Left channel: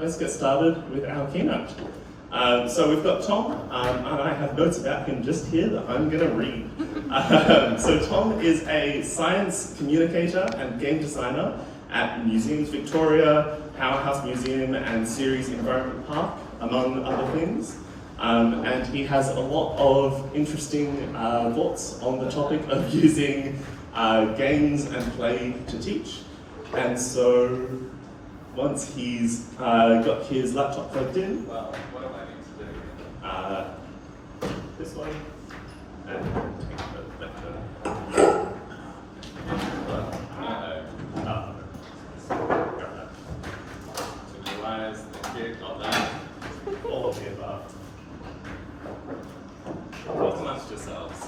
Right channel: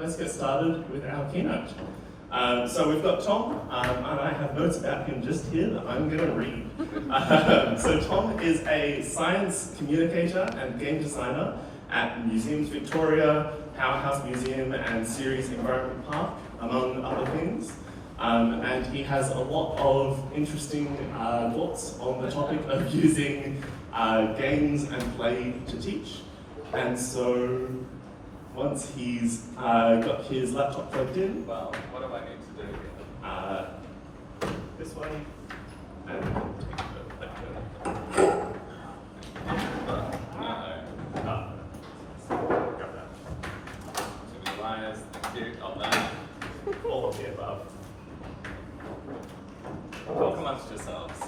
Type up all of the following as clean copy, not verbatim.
let's get started with our keynote. So we've got Tom, and I have notes about him just here that I'm going to read. So Tom is a science communicator and game designer at Museums Victoria, Powerhouse Museum and Ceres Environment Park, among other things. And he has a lot of interesting thoughts on the topic of using games and play to teach. And so once he's got his laptop plugged in, well, what do I need to do? This one. So the wires, the kit, all that. All of the above. Talk amongst yourselves.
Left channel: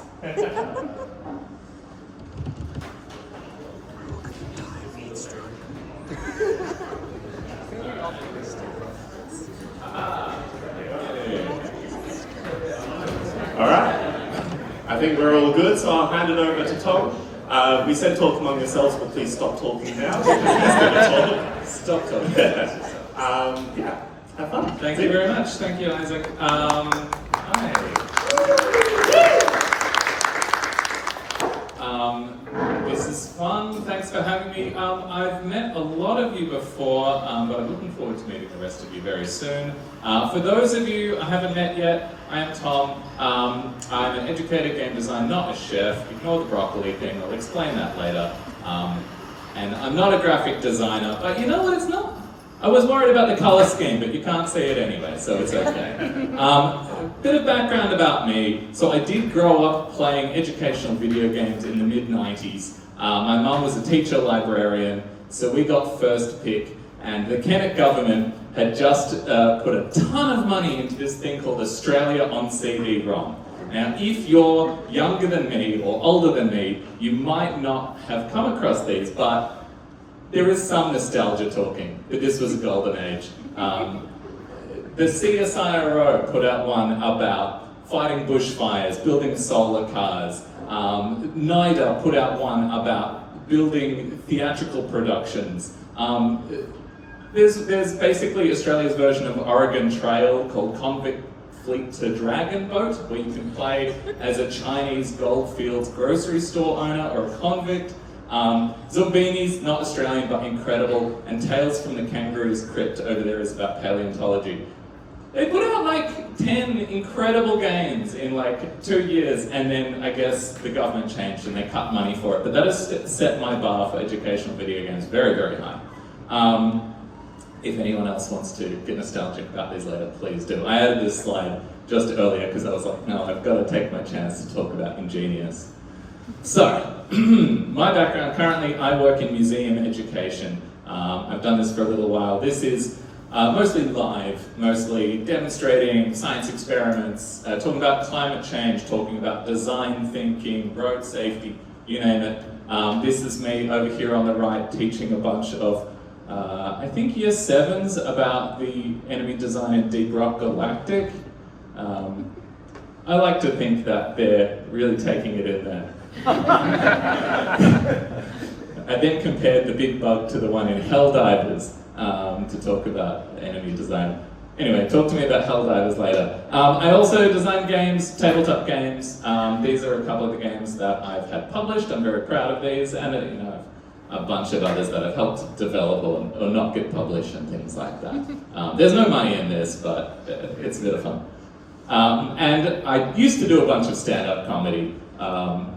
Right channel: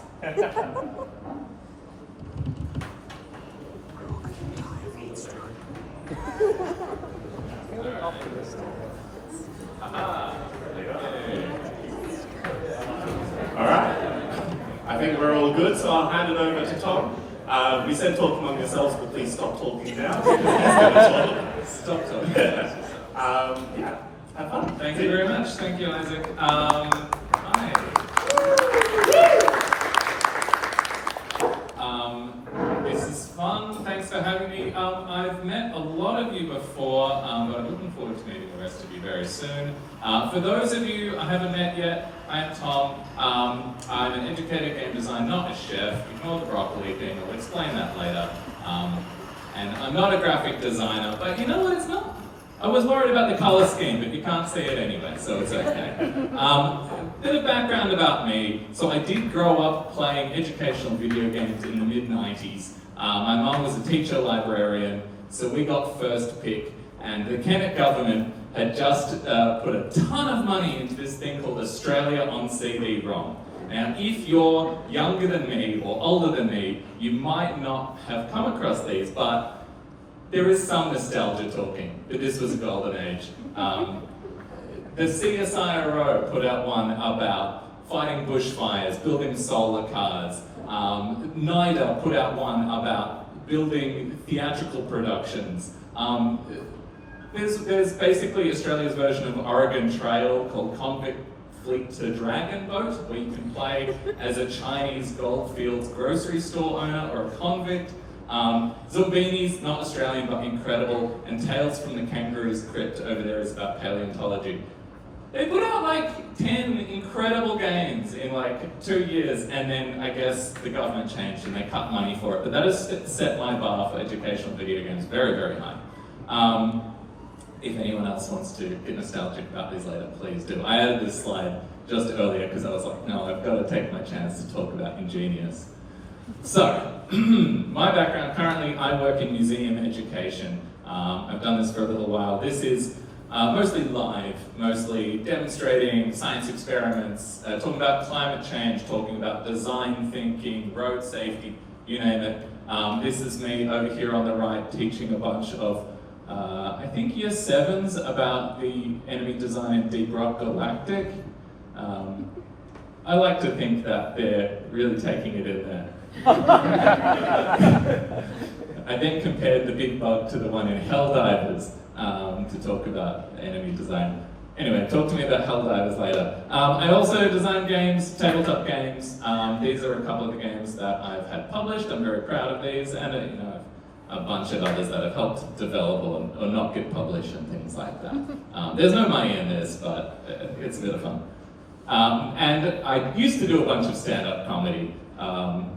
Alright, I think we're all good, so I'll hand it over to Tom. We said talk among yourselves, but please stop talking now. Stop talking. Yeah, have fun. Thank you very much. Thank you, Isaac. Hi. This is fun. Thanks for having me. I've met a lot of you before, but I'm looking forward to meeting the rest of you very soon. For those of you I haven't met yet, I'm Tom. I'm an educator, game designer, not a chef. Ignore the broccoli thing. We'll explain that later. And I'm not a graphic designer, but you know what? It's not. I was worried about the color scheme, but you can't see it anyway, so it's okay. Bit of background about me. So I did grow up playing educational video games in the mid-90s. My mum was a teacher librarian, so we got first pick, and the Kennett government had just put a ton of money into this thing called Australia on CD-ROM. Now, if you're younger than me or older than me, you might not have come across these, but there is some nostalgia talking, that this was a golden age. The CSIRO put out one about fighting bushfires, building solar cars. NIDA put out one about building theatrical productions. There's basically Australia's version of Oregon Trail called Convict Fleet to Dragon Boat, where you can play as a Chinese Goldfields grocery store owner or a convict. Zumbinis, not Australian but incredible, and Tales from the Kangaroo's Crypt over there is about paleontology. They put out like 10 incredible games in like 2 years, and then I guess the government changed and they cut money for it. But that has set my bar for educational video games very, very high. If anyone else wants to get nostalgic about these later, please do. I added this slide just earlier because I was like, no, I've got to take my chance to talk about Ingenious. So, my background, currently I work in museum education. I've done this for a little while. This is mostly live, mostly demonstrating science experiments, talking about climate change, talking about design thinking, road safety, you name it. This is me over here on the right teaching a bunch of, I think year 7s about the enemy design in Deep Rock Galactic. I like to think that they're really taking it in there. I then compared the big bug to the one in Helldivers to talk about enemy design. Anyway, talk to me about Helldivers later. I also design games, tabletop games. These are a couple of the games that I've had published. I'm very proud of these, and you know, a bunch of others that I've helped develop or not get published and things like that. There's no money in this, but it's a bit of fun. And I used to do a bunch of stand-up comedy,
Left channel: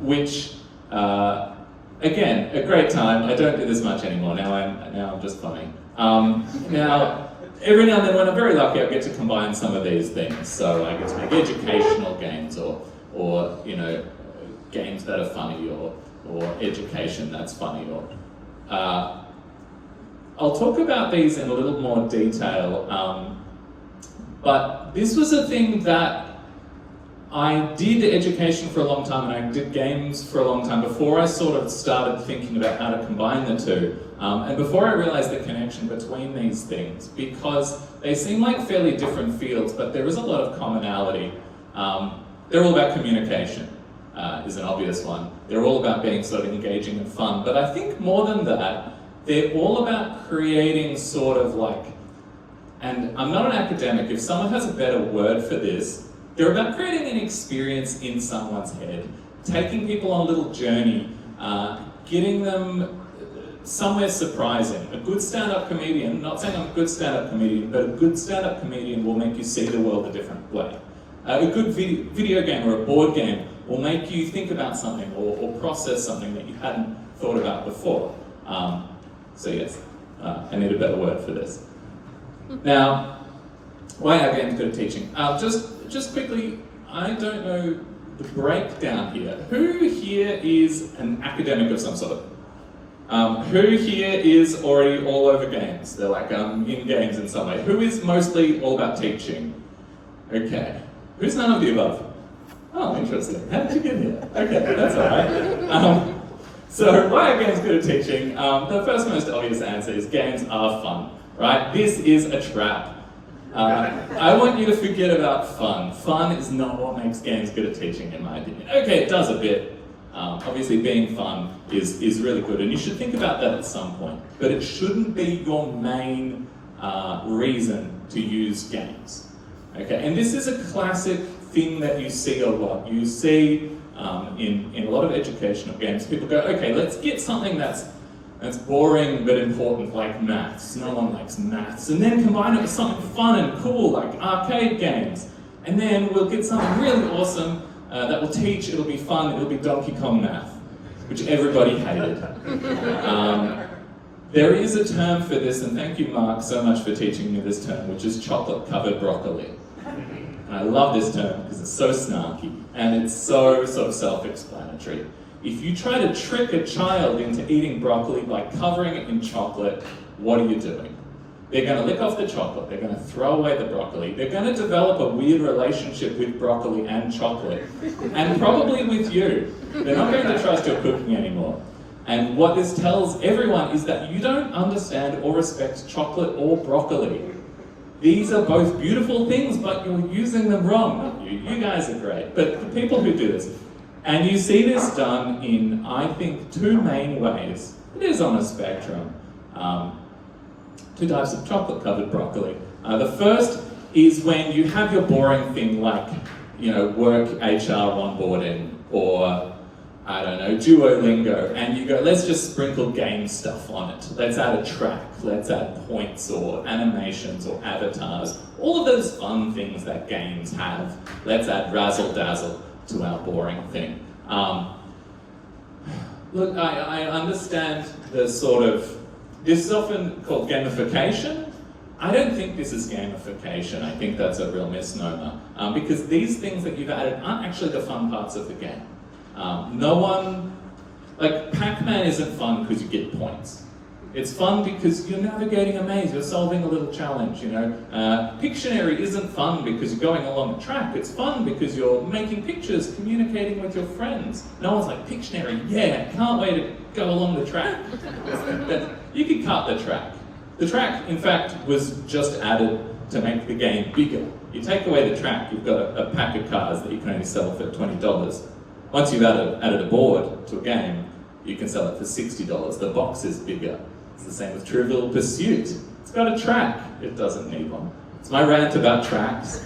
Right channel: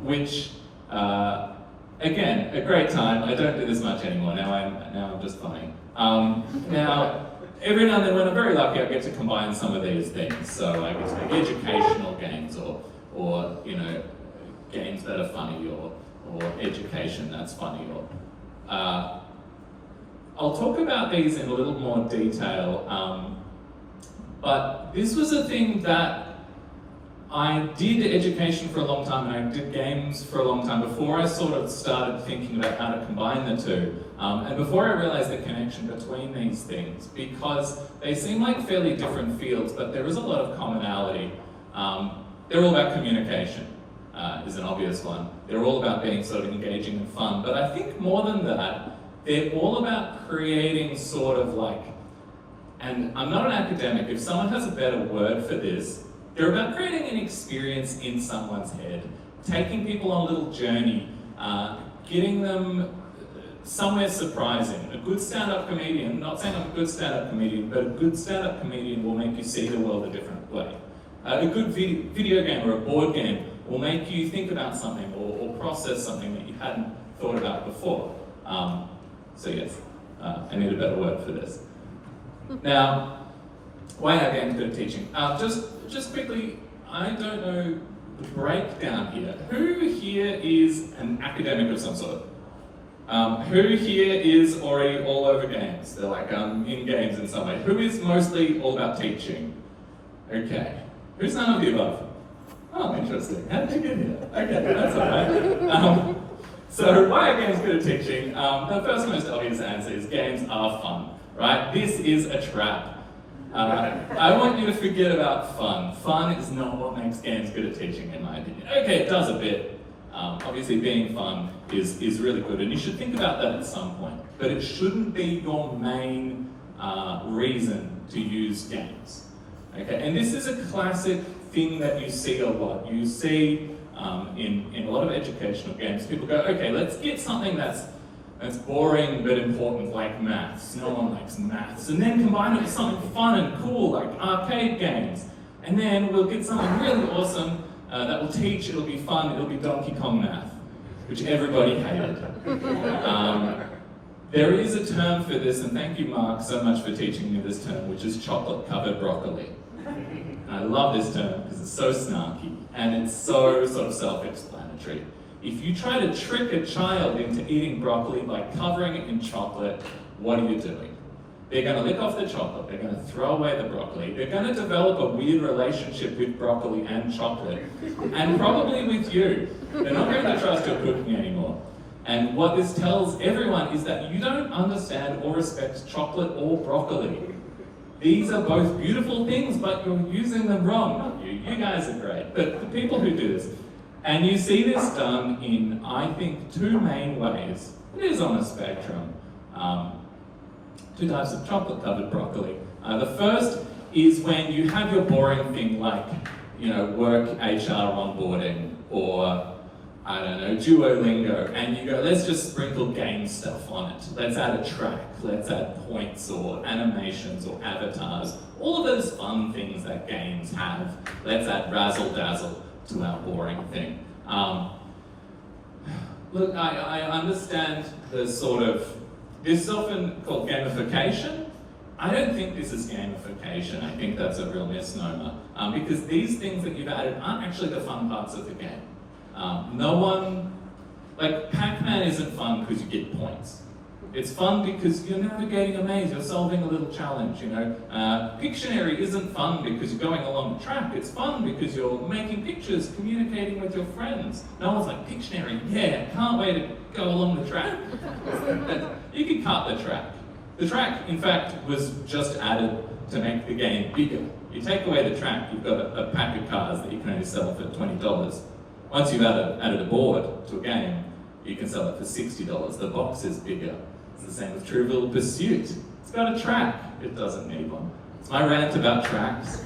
which, again, a great time. I don't do this much anymore. Now I'm just funny. Now, every now and then when I'm very lucky, I get to combine some of these things. So I get to make educational games or you know, games that are funny or education that's funny. I'll talk about these in a little more detail. But this was a thing that I did education for a long time and I did games for a long time before I sort of started thinking about how to combine the two. And before I realized the connection between these things, because they seem like fairly different fields, but there is a lot of commonality. They're all about communication, is an obvious one. They're all about being sort of engaging and fun, but I think more than that, they're all about creating sort of like and I'm not an academic, if someone has a better word for this, they're about creating an experience in someone's head, taking people on a little journey, getting them somewhere surprising. A good stand-up comedian, not saying I'm a good stand-up comedian, but a good stand-up comedian will make you see the world a different way. A good video game or a board game will make you think about something or process something that you hadn't thought about before. So yes, I need a better word for this. Now, why are games good at teaching? Just quickly, I don't know the breakdown here. Who here is an academic of some sort? Who here is already all over games? They're like in games in some way. Who is mostly all about teaching? Okay. Who's none of the above? Oh, interesting. How did you get here? Okay, that's alright. So why are games good at teaching? The first most obvious answer is games are fun, right? This is a trap. I want you to forget about fun. Fun is not what makes games good at teaching, in my opinion. Okay, it does a bit. Obviously being fun is really good, and you should think about that at some point. But it shouldn't be your main reason to use games. Okay, and this is a classic thing that you see a lot. You see in a lot of educational games, people go, okay, let's get something that's boring but important, like maths. No one likes maths. And then combine it with something fun and cool, like arcade games. And then we'll get something really awesome that will teach, it'll be fun, it'll be Donkey Kong math, which everybody hated. There is a term for this, and thank you, Mark, so much for teaching me this term, which is chocolate-covered broccoli. And I love this term because it's so snarky, and it's so sort of self-explanatory. If you try to trick a child into eating broccoli by covering it in chocolate, what are you doing? They're going to lick off the chocolate, they're going to throw away the broccoli, they're going to develop a weird relationship with broccoli and chocolate, and probably with you. They're not going to trust your cooking anymore. And what this tells everyone is that you don't understand or respect chocolate or broccoli. These are both beautiful things, but you're using them wrong, not you. You guys are great. But the people who do this, and you see this done in, I think, two main ways. It is on a spectrum. Two types of chocolate-covered broccoli. The first is when you have your boring thing like, work HR onboarding, or I don't know, Duolingo, and you go, let's just sprinkle game stuff on it. Let's add a track, let's add points or animations or avatars. All of those fun things that games have. Let's add razzle-dazzle to our boring thing. Look, I understand the sort of, this is often called gamification. I don't think this is gamification. I think that's a real misnomer. Because these things that you've added aren't actually the fun parts of the game. Like Pac-Man isn't fun because you get points. It's fun because you're navigating a maze, you're solving a little challenge, Pictionary isn't fun because you're going along the track. It's fun because you're making pictures, communicating with your friends. No one's like, Pictionary, yeah, can't wait to go along the track. You can cut the track. The track, in fact, was just added to make the game bigger. You take away the track, you've got a pack of cards that you can only sell for $20. Once you've added a board to a game, you can sell it for $60. The box is bigger. It's the same with Trivial Pursuit. It's got a track. It doesn't need one. It's my rant about tracks.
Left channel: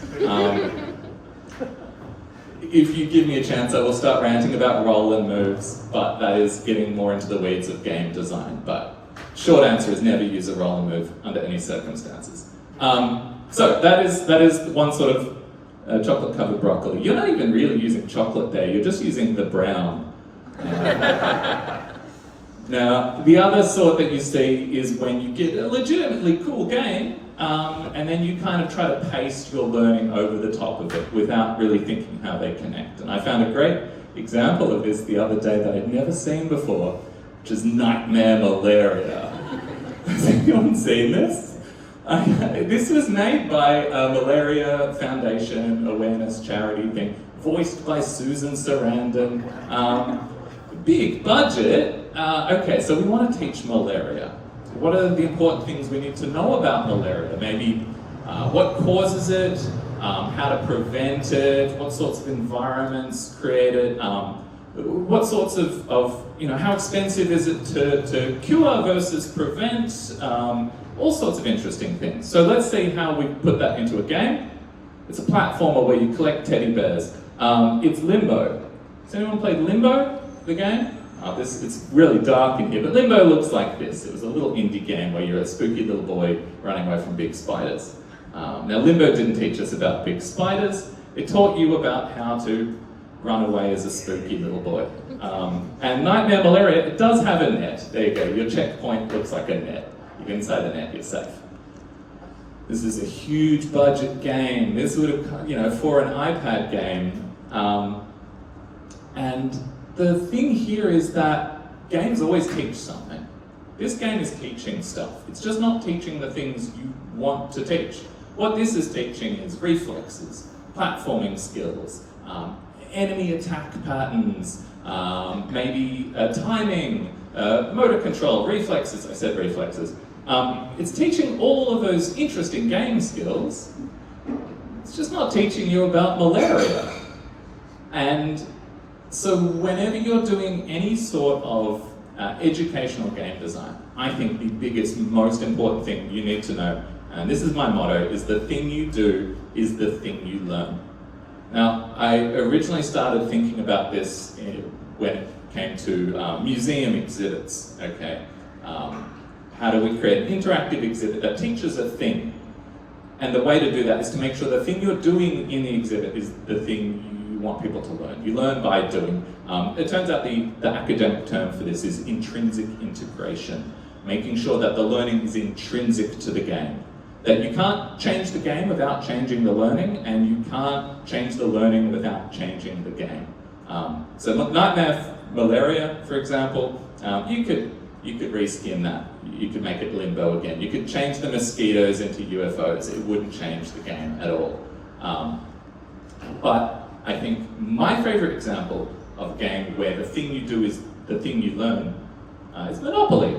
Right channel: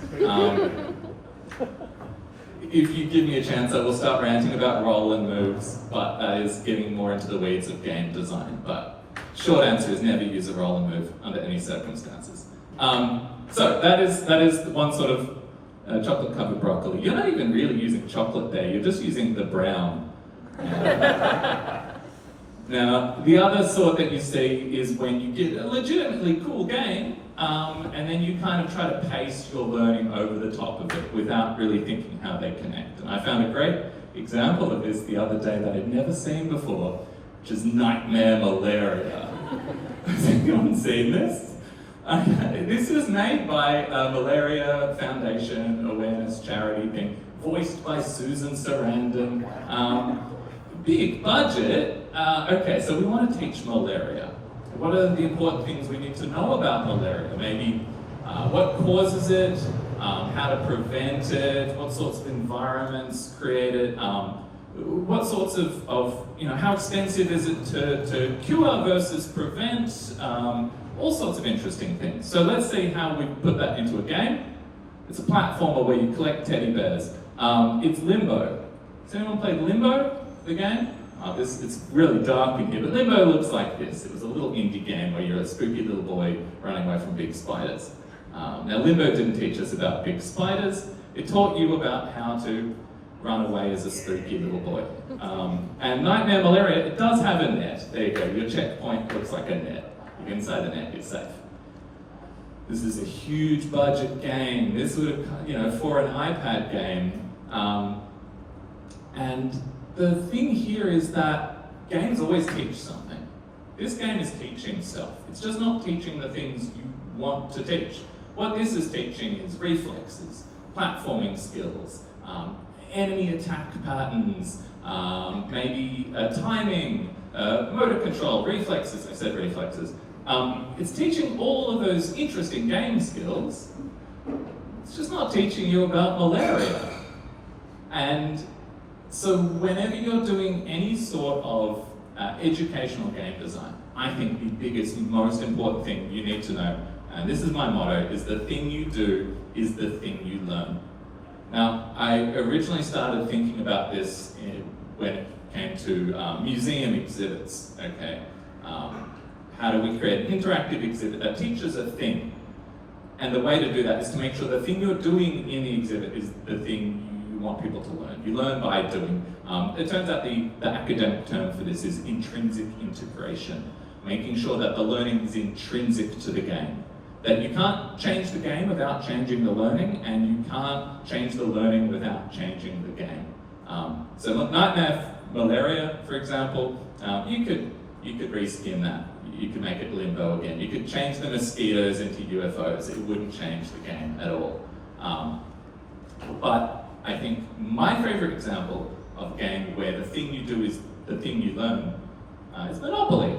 If you give me a chance, I will start ranting about roll and moves, but that is getting more into the weeds of game design. But short answer is never use a roll and move under any circumstances. So that is one sort of chocolate-covered broccoli. You're not even really using chocolate there, you're just using the brown. Now, the other sort that you see is when you get a legitimately cool game, and then you kind of try to paste your learning over the top of it without really thinking how they connect. And I found a great example of this the other day that I'd never seen before, which is Nightmare Malaria. Has anyone seen this? This was made by a Malaria Foundation awareness charity thing, voiced by Susan Sarandon. Big budget. Okay, so we want to teach malaria. What are the important things we need to know about malaria? Maybe what causes it, how to prevent it, what sorts of environments create it, what sorts of how expensive is it to cure versus prevent, all sorts of interesting things. So let's see how we put that into a game. It's a platformer where you collect teddy bears. It's Limbo. Has anyone played Limbo, the game? It's really dark in here, but Limbo looks like this. It was a little indie game where you're a spooky little boy running away from big spiders. Now Limbo didn't teach us about big spiders. It taught you about how to run away as a spooky little boy. And Nightmare Malaria, it does have a net. There you go, your checkpoint looks like a net. You're inside the net, you're safe. This is a huge budget game. This would have, for an iPad game. And the thing here is that games always teach something. This game is teaching stuff. It's just not teaching the things you want to teach. What this is teaching is reflexes, platforming skills, enemy attack patterns, maybe timing, motor control, reflexes, I said reflexes. It's teaching all of those interesting game skills. It's just not teaching you about malaria. And so whenever you're doing any sort of educational game design, I think the biggest, most important thing you need to know, and this is my motto, is the thing you do is the thing you learn. Now, I originally started thinking about this when it came to museum exhibits, okay? How do we create an interactive exhibit that teaches a thing? And the way to do that is to make sure the thing you're doing in the exhibit is the thing you want people to learn. You learn by doing. It turns out the academic term for this is intrinsic integration, making sure that the learning is intrinsic to the game. That you can't change the game without changing the learning, and you can't change the learning without changing the game. So Nightmare Malaria, for example, you could reskin that. You could make it Limbo again. You could change the mosquitoes into UFOs. It wouldn't change the game at all. But I think my favorite example of a game where the thing you do is the thing you learn is Monopoly,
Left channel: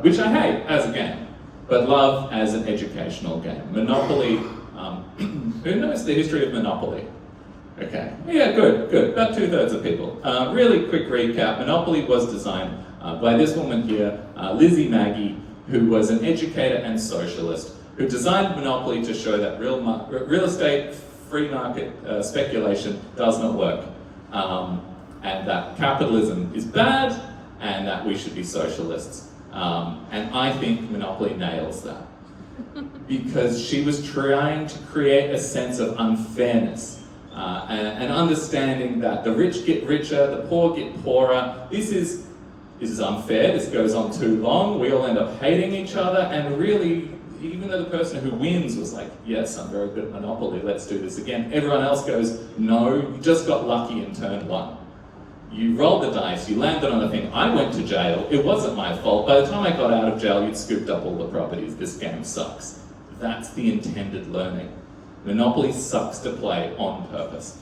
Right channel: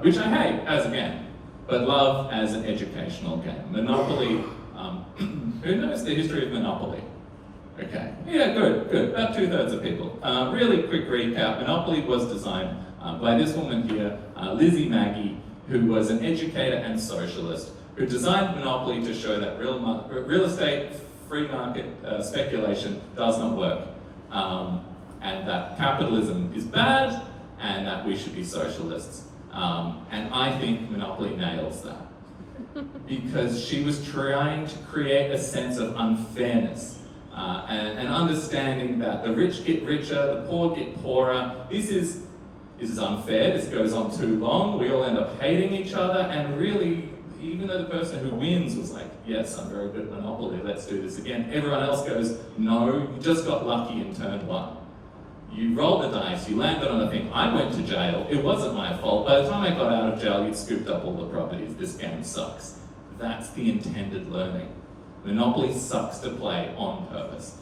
which I hate as a game, but love as an educational game. Monopoly, who knows the history of Monopoly? Okay, yeah, good. About 2/3 of people. Really quick recap, Monopoly was designed by this woman here, Lizzie Maggie, who was an educator and socialist, who designed Monopoly to show that real estate, free market speculation does not work, and that capitalism is bad, and that we should be socialists. And I think Monopoly nails that, because she was trying to create a sense of unfairness, and understanding that the rich get richer, the poor get poorer. This is unfair, this goes on too long, we all end up hating each other, and really, even though the person who wins was like, yes, I'm very good at Monopoly, let's do this again, everyone else goes, no, you just got lucky in turn one. You rolled the dice, you landed on a thing, I went to jail, it wasn't my fault, by the time I got out of jail, you'd scooped up all the properties, this game sucks. That's the intended learning. Monopoly sucks to play on purpose.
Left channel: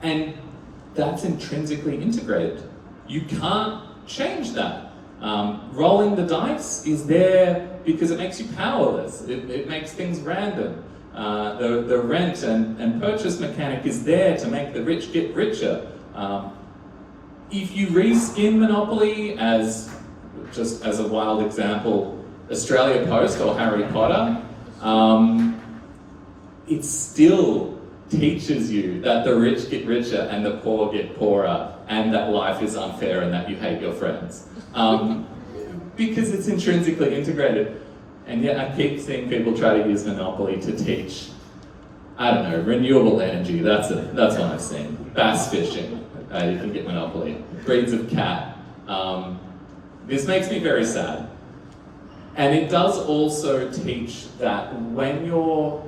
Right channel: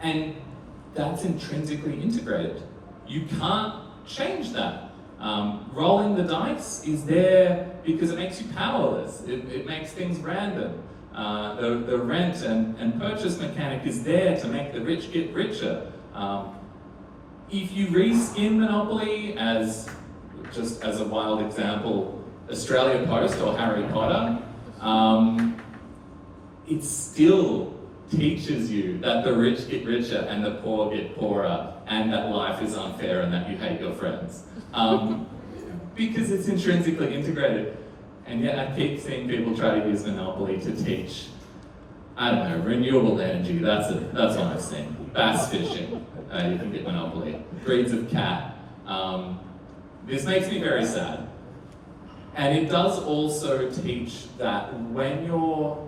And that's intrinsically integrated. You can't change that. Rolling the dice is there because it makes you powerless. It makes things random. The rent and purchase mechanic is there to make the rich get richer. If you reskin Monopoly as, just as a wild example, Australia Post or Harry Potter, it still teaches you that the rich get richer and the poor get poorer, and that life is unfair and that you hate your friends. Because it's intrinsically integrated. And yet I keep seeing people try to use Monopoly to teach, I don't know, renewable energy, that's what I've seen. Bass fishing, you can get Monopoly. Breeds of cat. This makes me very sad. And it does also teach that when you're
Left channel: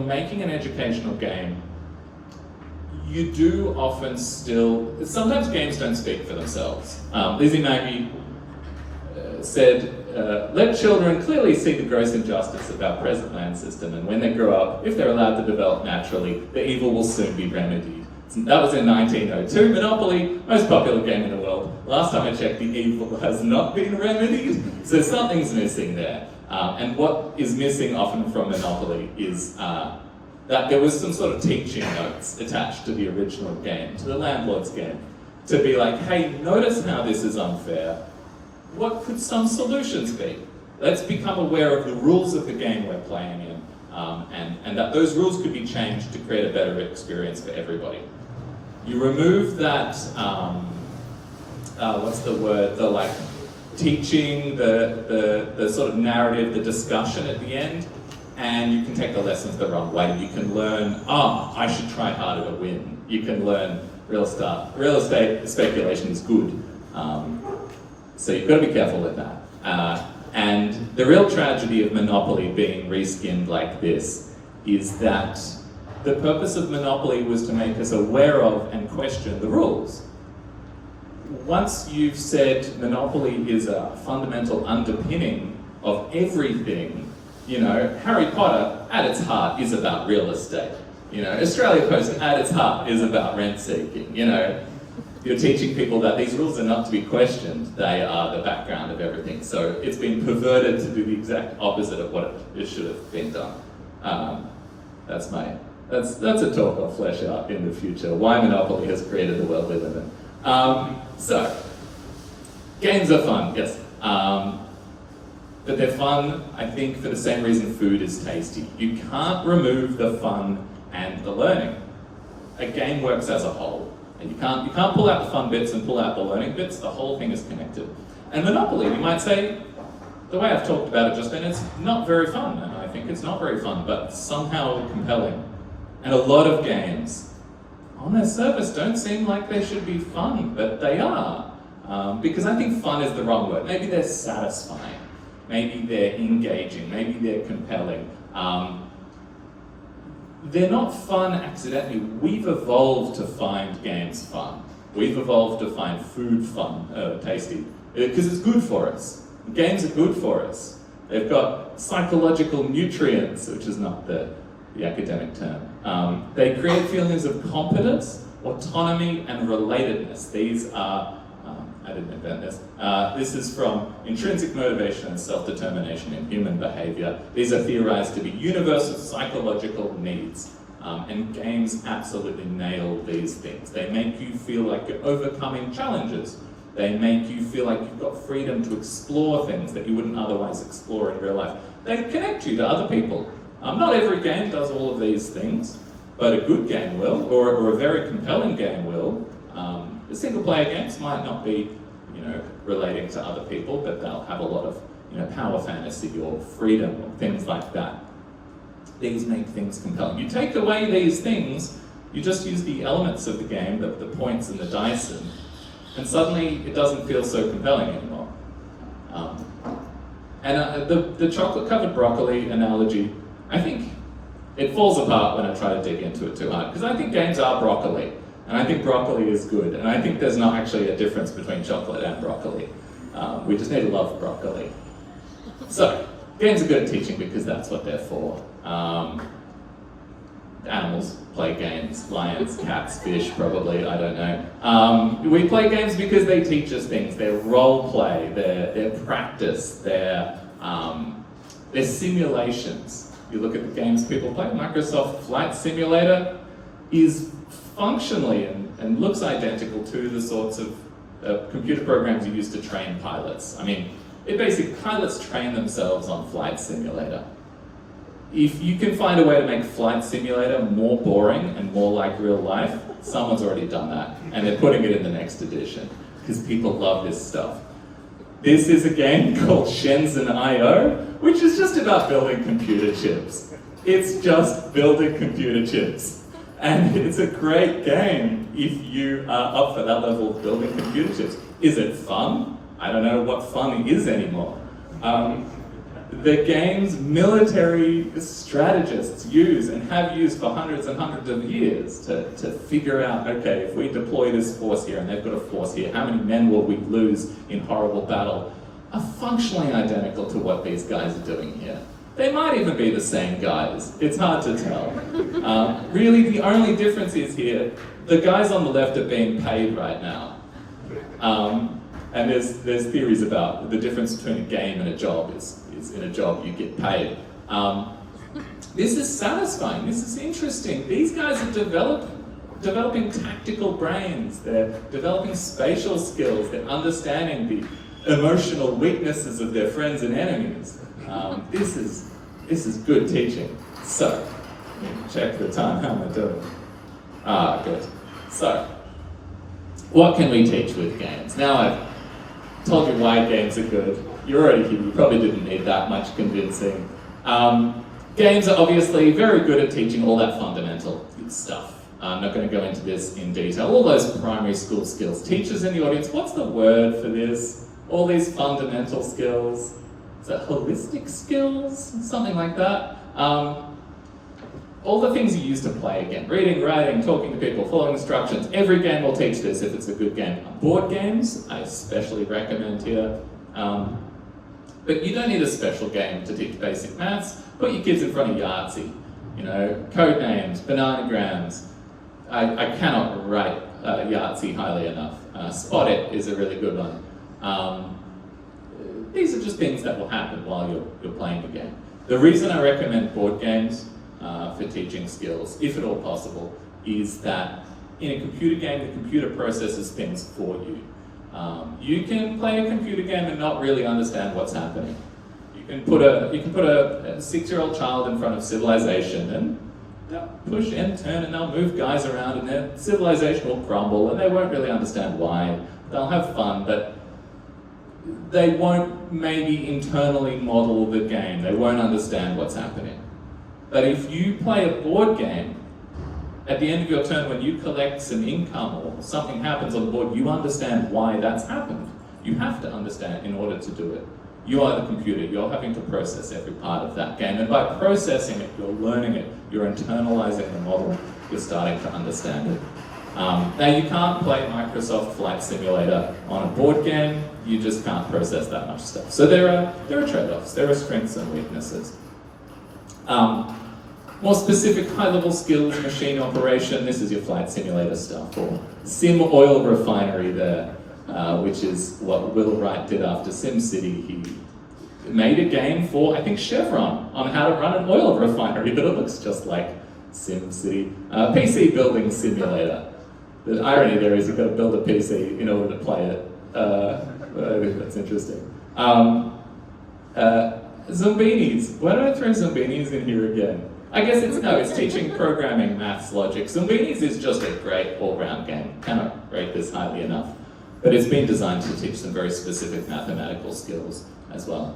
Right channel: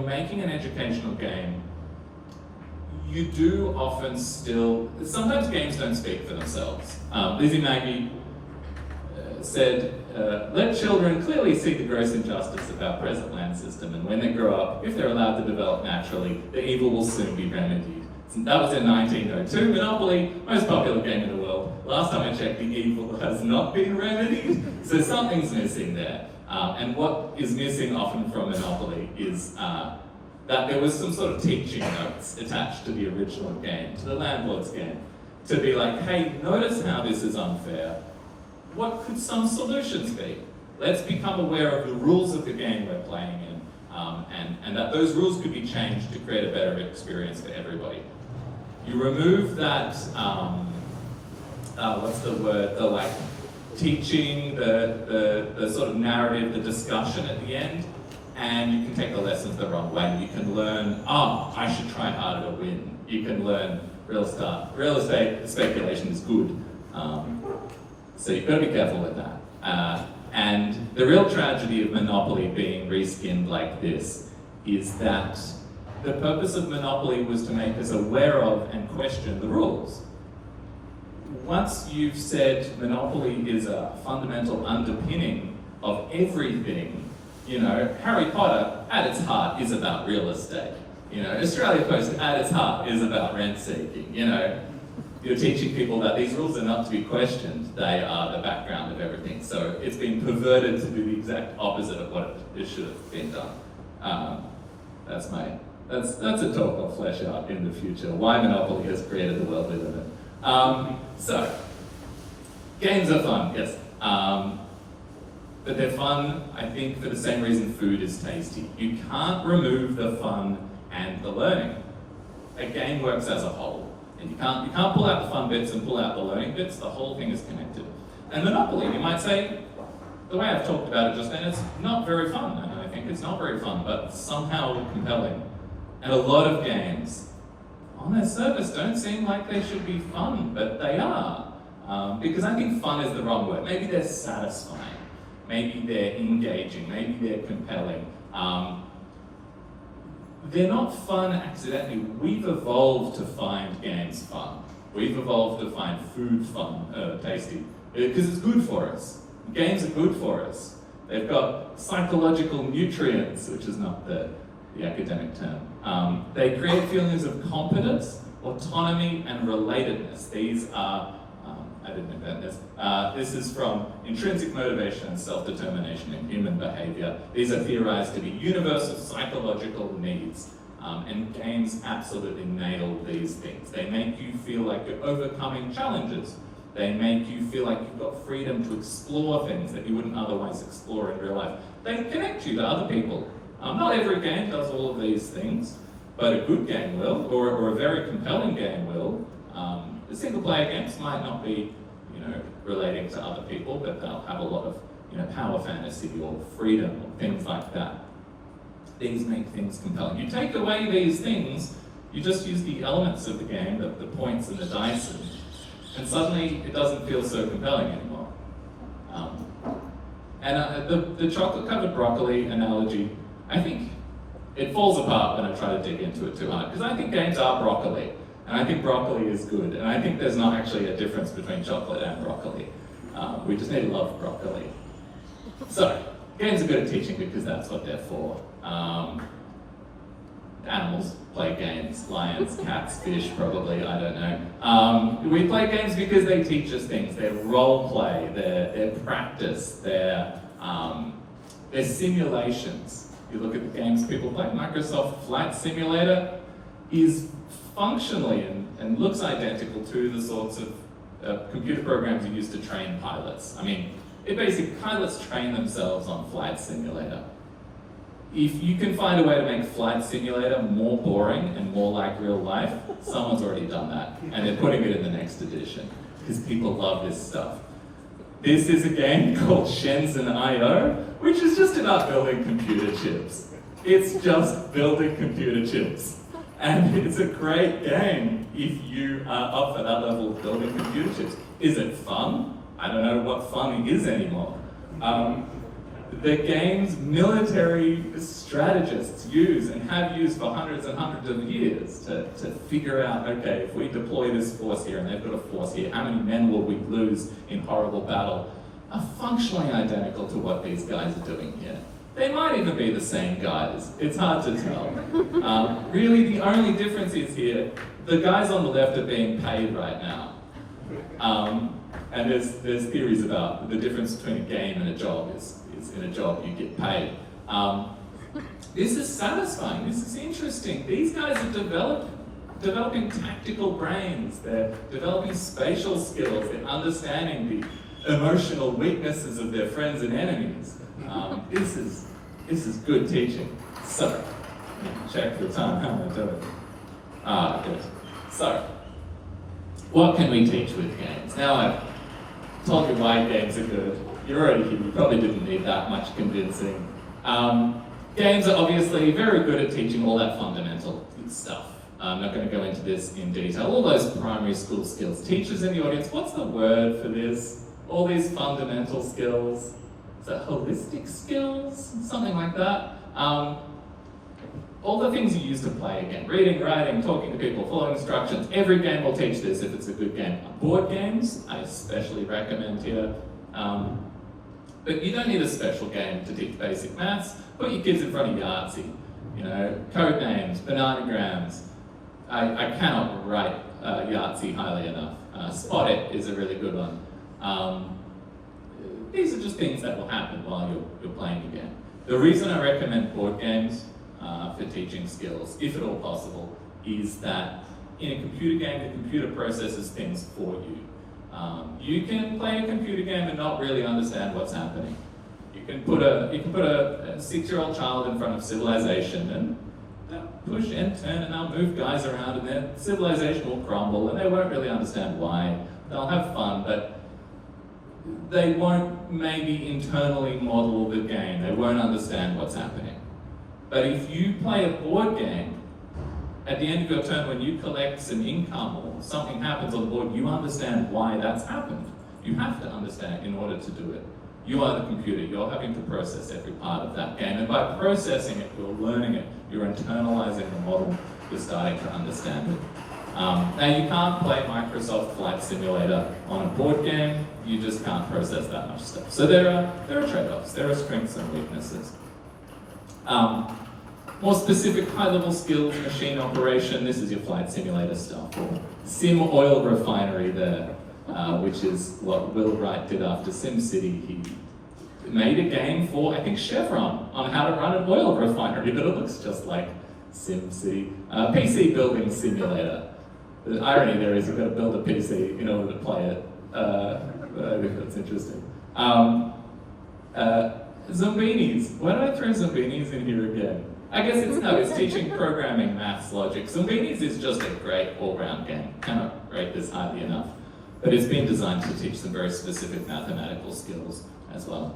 making an educational game, you do often sometimes games don't speak for themselves. Lizzie Maggie said, let children clearly see the gross injustice of our present land system, and when they grow up, if they're allowed to develop naturally, the evil will soon be remedied. That was in 1902. Monopoly, most popular game in the world. Last time I checked, the evil has not been remedied, so something's missing there. And what is missing often from Monopoly is that that there was some sort of teaching notes attached to the original game, to the landlord's game, to be like, hey, notice how this is unfair. What could some solutions be? Let's become aware of the rules of the game we're playing in, and that those rules could be changed to create a better experience for everybody. You remove that, what's the word, the like teaching, the sort of narrative, the discussion at the end, and you can take the lessons the wrong way. You can learn, I should try harder to win. You can learn real estate speculation is good. So you've got to be careful with that. And the real tragedy of Monopoly being reskinned like this is that the purpose of Monopoly was to make us aware of and question the rules. Once you've said Monopoly is a fundamental underpinning of everything, Harry Potter at its heart is about real estate. Australia Post at its heart is about rent seeking. You're teaching people that these rules are not to be questioned, they are the background of everything. So it's been perverted to do the exact opposite of what it should have been done. That's a talk I'll flesh out in the future, why Monopoly has created the world we live in. So, games are fun, yes. But they're fun, I think, for the same reason food is tasty. You can't remove the fun and the learning. A game works as a whole. And you can't pull out the fun bits and pull out the learning bits, the whole thing is connected. And Monopoly, you might say, the way I've talked about it just then, it's not very fun, and I think it's not very fun, but somehow compelling. And a lot of games on their surface don't seem like they should be fun, but they are. Because I think fun is the wrong word. Maybe they're satisfying, maybe they're engaging, maybe they're compelling. They're not fun accidentally. We've evolved to find games fun. We've evolved to find food fun, tasty, because it's good for us. Games are good for us. They've got psychological nutrients, which is not the academic term. They create feelings of competence, autonomy, and relatedness. These are, I didn't invent this. This is from intrinsic motivation and self-determination in human behavior. These are theorized to be universal psychological needs. And games absolutely nail these things. They make you feel like you're overcoming challenges. They make you feel like you've got freedom to explore things that you wouldn't otherwise explore in real life. They connect you to other people. Not every game does all of these things, but a good game will, or a very compelling game will. The single-player games might not be, relating to other people, but they'll have a lot of, power fantasy or freedom and things like that. These make things compelling. You take away these things, you just use the elements of the game, the points and the dice, and suddenly it doesn't feel so compelling anymore. The chocolate-covered broccoli analogy, I think it falls apart when I try to dig into it too hard, because I think games are broccoli, and I think broccoli is good, and I think there's not actually a difference between chocolate and broccoli. We just need to love broccoli. So, games are good at teaching because that's what they're for. Animals play games, lions, cats, fish, probably, I don't know. We play games because they teach us things. They're role play, they're practice, they're simulations. You look at the games people play, Microsoft Flight Simulator is functionally and looks identical to the sorts of computer programs you use to train pilots. I mean, pilots train themselves on Flight Simulator. If you can find a way to make Flight Simulator more boring and more like real life, someone's already done that, and they're putting it in the next edition, because people love this stuff. This is a game called Shenzhen.io, which is just about building computer chips. It's just building computer chips. And it's a great game if you are up for that level of building computer chips. Is it fun? I don't know what fun is anymore. The game's military strategists use and have used for hundreds and hundreds of years to figure out, okay, if we deploy this force here and they've got a force here, how many men will we lose in horrible battle, are functionally identical to what these guys are doing here. They might even be the same guys. It's hard to tell. Really, the only difference is here, the guys on the left are being paid right now. And there's theories about the difference between a game and a job is in a job you get paid. This is satisfying, this is interesting. These guys are developing tactical brains, they're developing spatial skills, they're understanding the emotional weaknesses of their friends and enemies. This is good teaching. So, let me check the time, how am I doing? Good. So, what can we teach with games? Now I've told you why games are good. You're already here, you probably didn't need that much convincing. Games are obviously very good at teaching all that fundamental stuff. I'm not going to go into this in detail. All those primary school skills. Teachers in the audience, what's the word for this? All these fundamental skills. Is that holistic skills? Something like that. All the things you use to play again. Reading, writing, talking to people, following instructions. Every game will teach this if it's a good game. Board games, I especially recommend here. But you don't need a special game to teach basic maths. Put your kids in front of Yahtzee. You know, code names, bananagrams. I cannot write Yahtzee highly enough. Spot It is a really good one. These are just things that will happen while you're playing the game. The reason I recommend board games for teaching skills, if at all possible, is that in a computer game, the computer processes things for you. You can play a computer game and not really understand what's happening. You can put a 6-year-old child in front of civilization and they'll push and turn and they'll move guys around and their civilization will crumble and they won't really understand why. They'll have fun, but they won't maybe internally model the game. They won't understand what's happening. But if you play a board game, at the end of your turn, when you collect some income or something happens on the board, you understand why that's happened. You have to understand in order to do it. You are the computer, you're having to process every part of that game. And by processing it, you're learning it, you're internalizing the model, you're starting to understand it. Now you can't play Microsoft Flight Simulator on a board game, you just can't process that much stuff. So there are trade-offs, there are strengths and weaknesses. More specific high-level skills, machine operation, this is your flight simulator stuff, or Sim Oil Refinery there, which is what Will Wright did after SimCity. He made a game for, I think, Chevron on how to run an oil refinery, but it looks just like SimCity. PC building simulator. The irony there is you've got to build a PC in order to play it. I think that's interesting. Zombinis. Why did I throw Zombinis in here again? I guess it's teaching programming, maths, logic. Zombinis is just a great all-round game. Cannot rate this highly enough. But it's been designed to teach some very specific mathematical skills as well.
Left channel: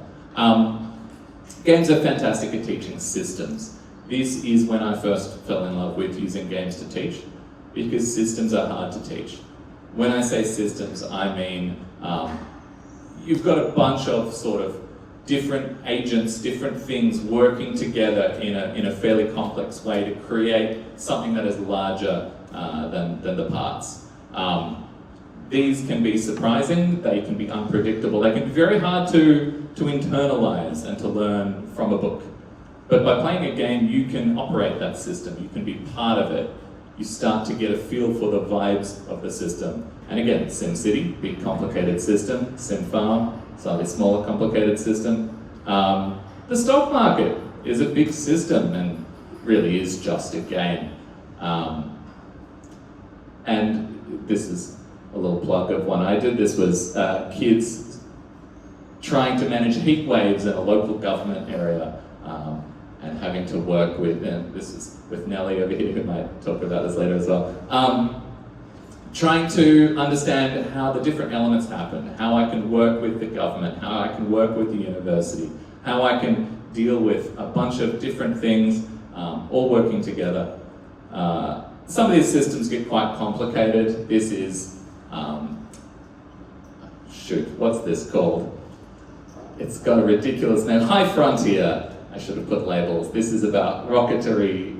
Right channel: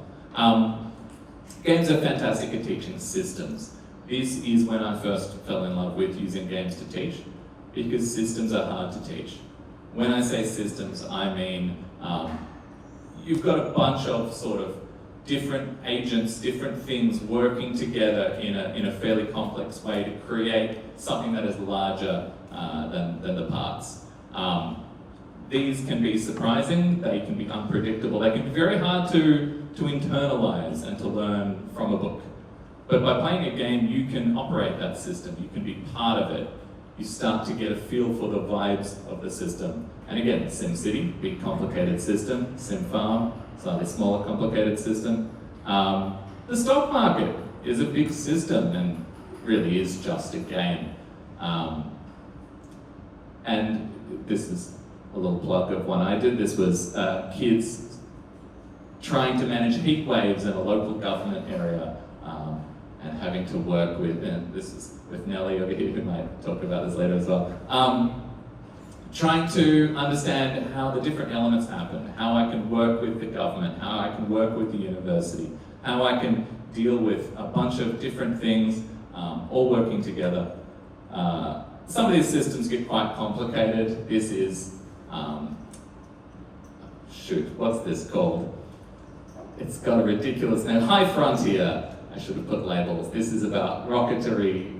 Games are fantastic at teaching systems. This is when I first fell in love with using games to teach, because systems are hard to teach. When I say systems, I mean you've got a bunch of sort of different agents, different things working together in a fairly complex way to create something that is larger than the parts. These can be surprising, they can be unpredictable, they can be very hard to internalize and to learn from a book. But by playing a game, you can operate that system, you can be part of it. You start to get a feel for the vibes of the system. And again, SimCity, big complicated system. SimFarm, slightly smaller complicated system. The stock market is a big system and really is just a game. And this is a little plug of one I did. This was kids trying to manage heat waves in a local government area and having to work with, and this is with Nellie over here, who might talk about this later as well, trying to understand how the different elements happen, how I can work with the government, how I can work with the university, how I can deal with a bunch of different things, all working together. Some of these systems get quite complicated. This is, what's this called? It's got a ridiculous name, High Frontier. I should have put labels. This is about rocketry,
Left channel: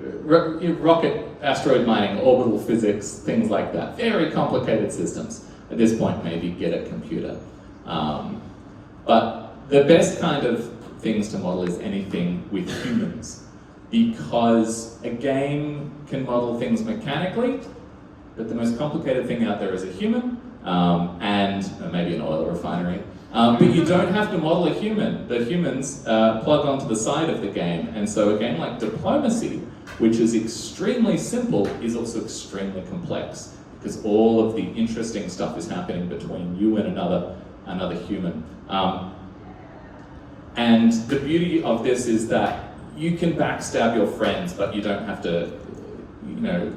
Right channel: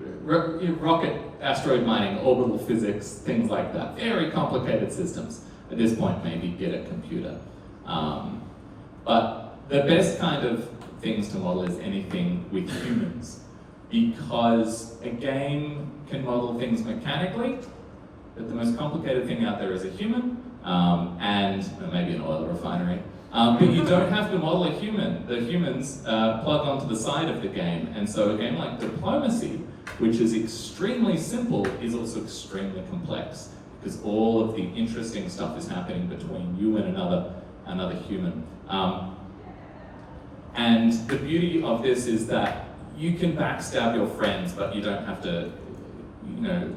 rocket asteroid mining, orbital physics, things like that. Very complicated systems. At this point, maybe get a computer. But the best kind of things to model is anything with humans, because a game can model things mechanically, but the most complicated thing out there is a human, and maybe an oil refinery. But you don't have to model a human. The humans plug onto the side of the game. And so a game like diplomacy, which is extremely simple, is also extremely complex, because all of the interesting stuff is happening between you and another human. And the beauty of this is that you can backstab your friends, but you don't have to,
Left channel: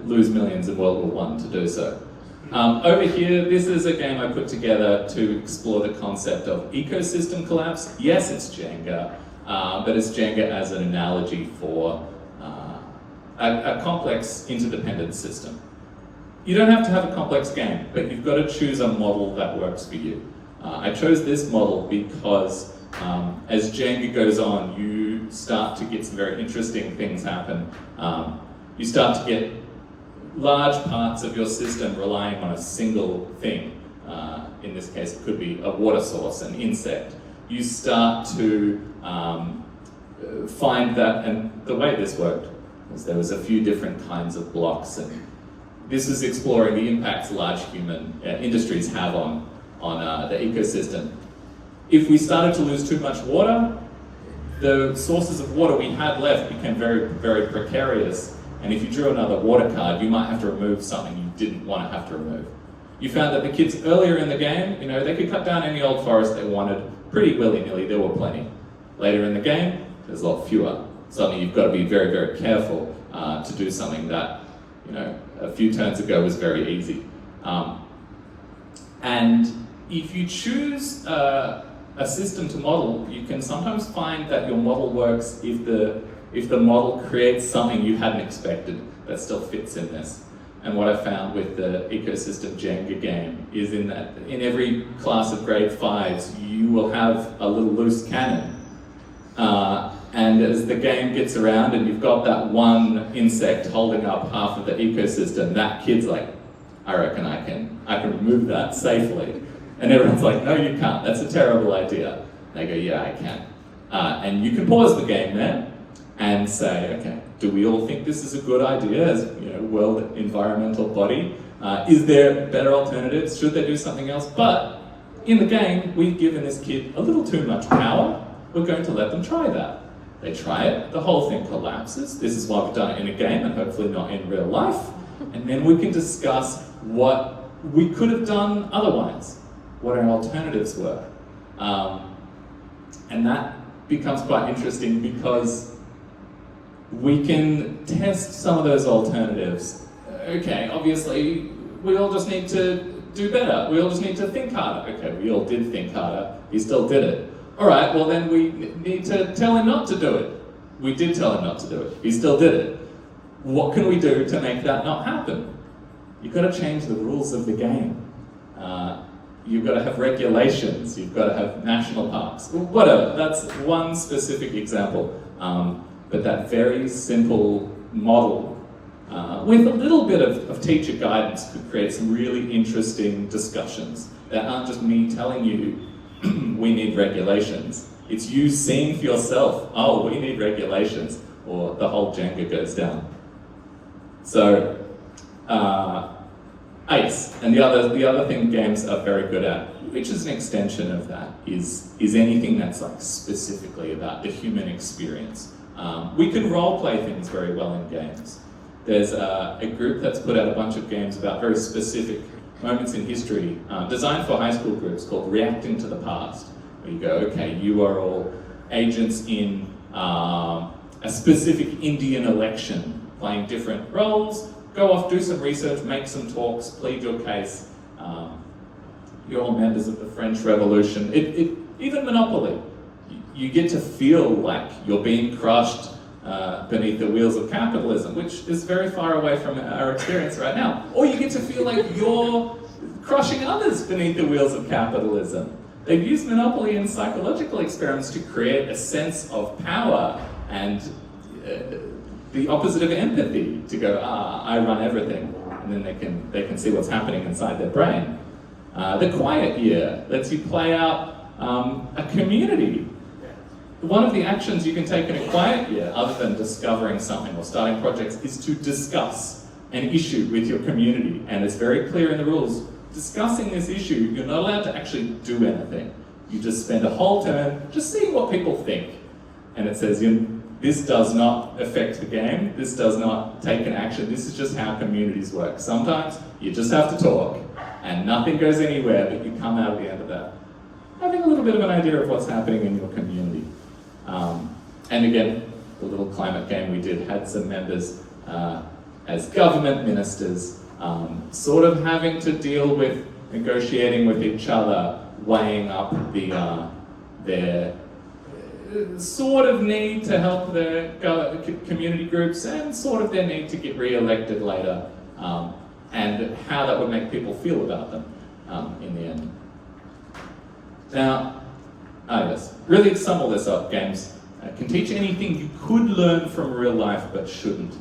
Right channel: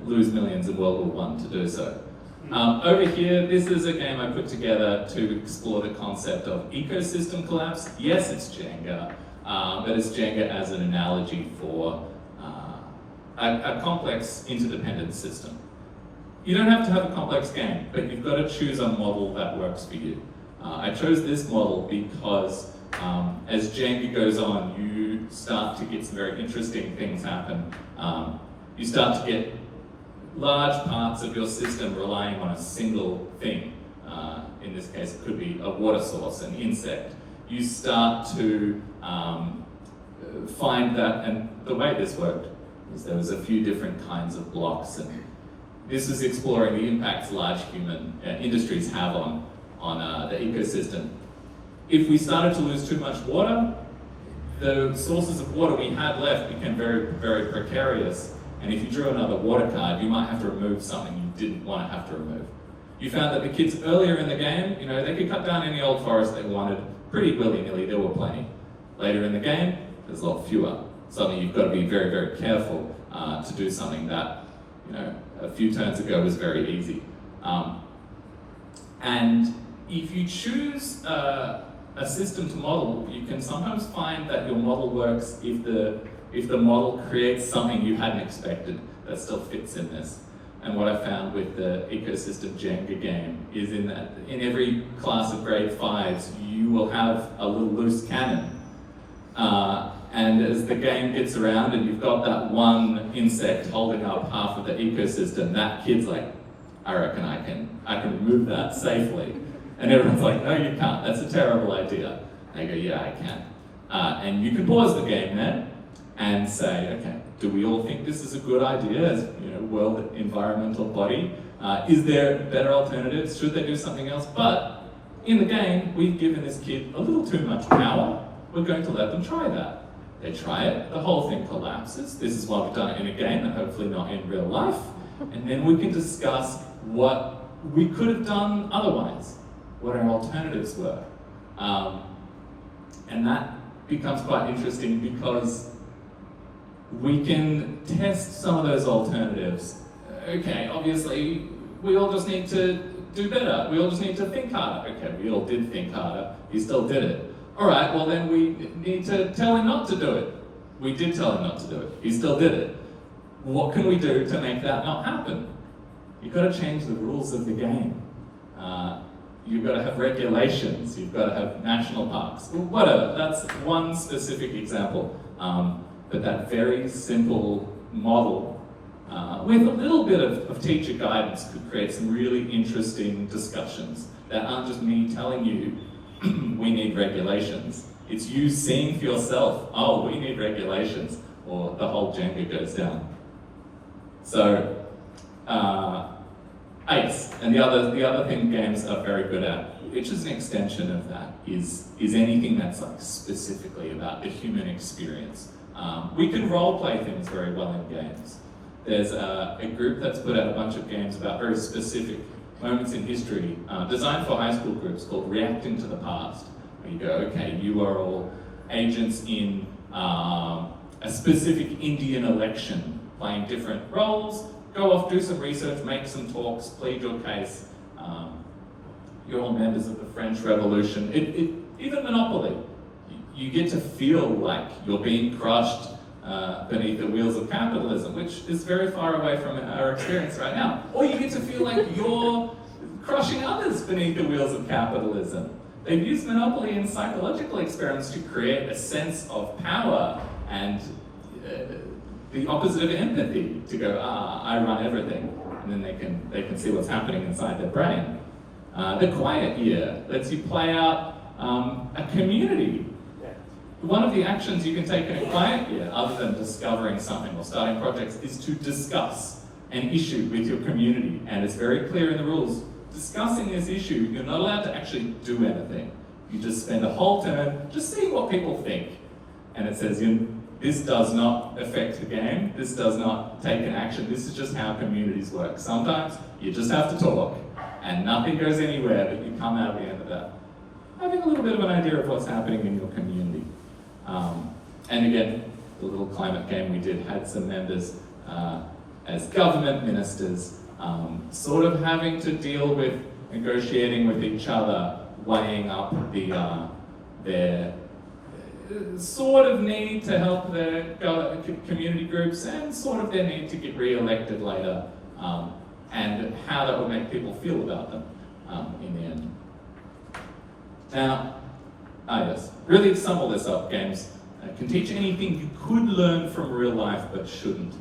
lose millions in World War I to do so. Over here, this is a game I put together to explore the concept of ecosystem collapse. Yes, it's Jenga, but it's Jenga as an analogy for a complex interdependent system. You don't have to have a complex game, but you've got to choose a model that works for you. I chose this model because as Jenga goes on, you start to get some very interesting things happen. You start to get large parts of your system relying on a single thing. In this case, it could be a water source, an insect. You start to find that, and the way this worked was there was a few different kinds of blocks, and this is exploring the impacts large human industries have on the ecosystem. If we started to lose too much water, the sources of water we had left became very, very precarious. And if you drew another water card, you might have to remove something you didn't want to have to remove. You found that the kids earlier in the game, they could cut down any old forest they wanted pretty willy-nilly, there were plenty. Later in the game, there's a lot fewer. Suddenly you've got to be very, very careful to do something that, a few turns ago was very easy. And if you choose a system to model, you can sometimes find that your model works if the model creates something you hadn't expected that still fits in this. And what I found with the ecosystem Jenga game is in that in every class of grade 5s, you will have a little loose cannon. And as the game gets around and you've got that one insect holding up half of the ecosystem, that kid's like, I reckon I can remove that safely. And everyone's like, no, you can't, that's a terrible idea. They go, yeah, I can. And you can pause the game there and say, okay, do we all think this is a good idea as world environmental body? Is there better alternatives? Should they do something else? But in the game, we've given this kid a little too much power. We're going to let them try that. They try it, the whole thing collapses. This is why we've done it in a game and hopefully not in real life. And then we can discuss what we could have done otherwise, what our alternatives were. And that becomes quite interesting because we can test some of those alternatives. Okay, obviously, we all just need to do better. We all just need to think harder. Okay, we all did think harder. He still did it. All right, well then we need to tell him not to do it. We did tell him not to do it. He still did it. What can we do to make that not happen? You've got to change the rules of the game. You've got to have regulations. You've got to have national parks. Whatever, that's one specific example. But that very simple model, with a little bit of teacher guidance, could create some really interesting discussions that aren't just me telling you, we need regulations. It's you seeing for yourself, oh, we need regulations, or the whole Jenga goes down. So, ACE, and the other thing games are very good at, which is an extension of that, is anything that's like specifically about the human experience. We can role play things very well in games. There's a group that's put out a bunch of games about very specific moments in history, designed for high school groups, called Reacting to the Past. Where you go, okay, you are all agents in a specific Indian election, playing different roles, go off, do some research, make some talks, plead your case. You're all members of the French Revolution. Even Monopoly. You get to feel like you're being crushed beneath the wheels of capitalism, which is very far away from our experience right now. Or you get to feel like you're crushing others beneath the wheels of capitalism. They've used Monopoly in psychological experiments to create a sense of power and the opposite of empathy, to go, I run everything, and then they can see what's happening inside their brain. The quiet year lets you play out a community. One of the actions you can take in a quiet year, other than discovering something or starting projects, is to discuss an issue with your community. And it's very clear in the rules, discussing this issue, you're not allowed to actually do anything. You just spend a whole turn just seeing what people think. And it says, this does not affect the game, this does not take an action, this is just how communities work. Sometimes you just have to talk, and nothing goes anywhere, but you come out at the end of that having a little bit of an idea of what's happening in your community. And again, the little climate game we did had some members as government ministers, sort of having to deal with negotiating with each other, weighing up their sort of need to help their community groups and sort of their need to get re-elected later, and how that would make people feel about them in the end. Now, yes, really to sum all this up, games can teach anything you could learn from real life but shouldn't.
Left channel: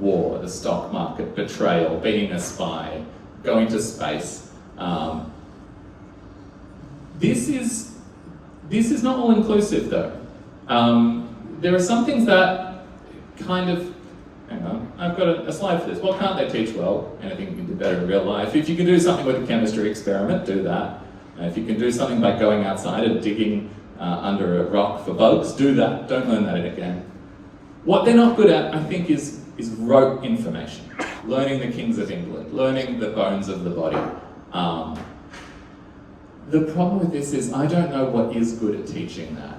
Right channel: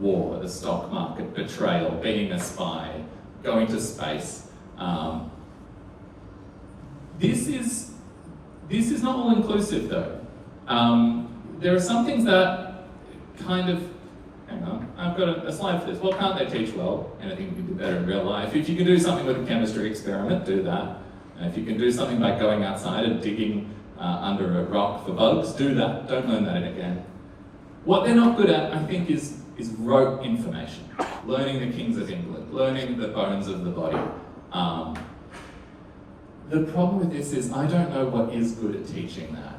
War, the stock market, betrayal, being a spy, going to space. This is not all inclusive though. There are some things that kind of, hang on, I've got a slide for this. What can't they teach well? Anything you can do better in real life. If you can do something with a chemistry experiment, do that. If you can do something by going outside and digging under a rock for bugs, do that. Don't learn that in a game. What they're not good at, I think, is rote information. Learning the kings of England, learning the bones of the body. The problem with this is I don't know what is good at teaching that.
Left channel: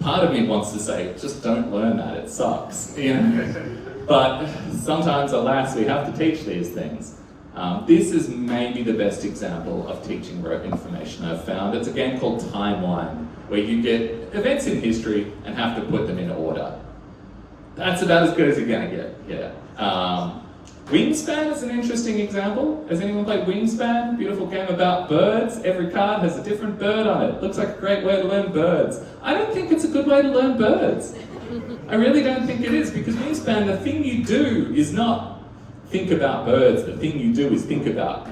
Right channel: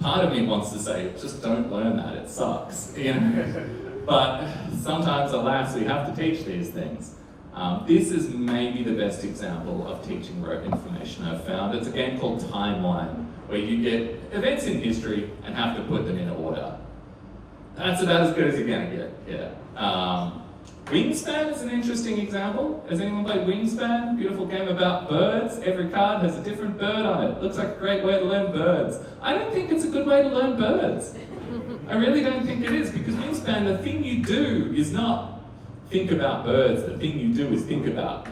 Part of me wants to say, just don't learn that, it sucks. But sometimes, alas, we have to teach these things. This is maybe the best example of teaching rote information I've found. It's a game called Timeline, where you get events in history and have to put them in order. That's about as good as you're gonna get, yeah. Wingspan is an interesting example. Has anyone played Wingspan? Beautiful game about birds. Every card has a different bird on it. Looks like a great way to learn birds. I don't think it's a good way to learn birds. I really don't think it is, because Wingspan, the thing you do is not think about birds. The thing you do is think about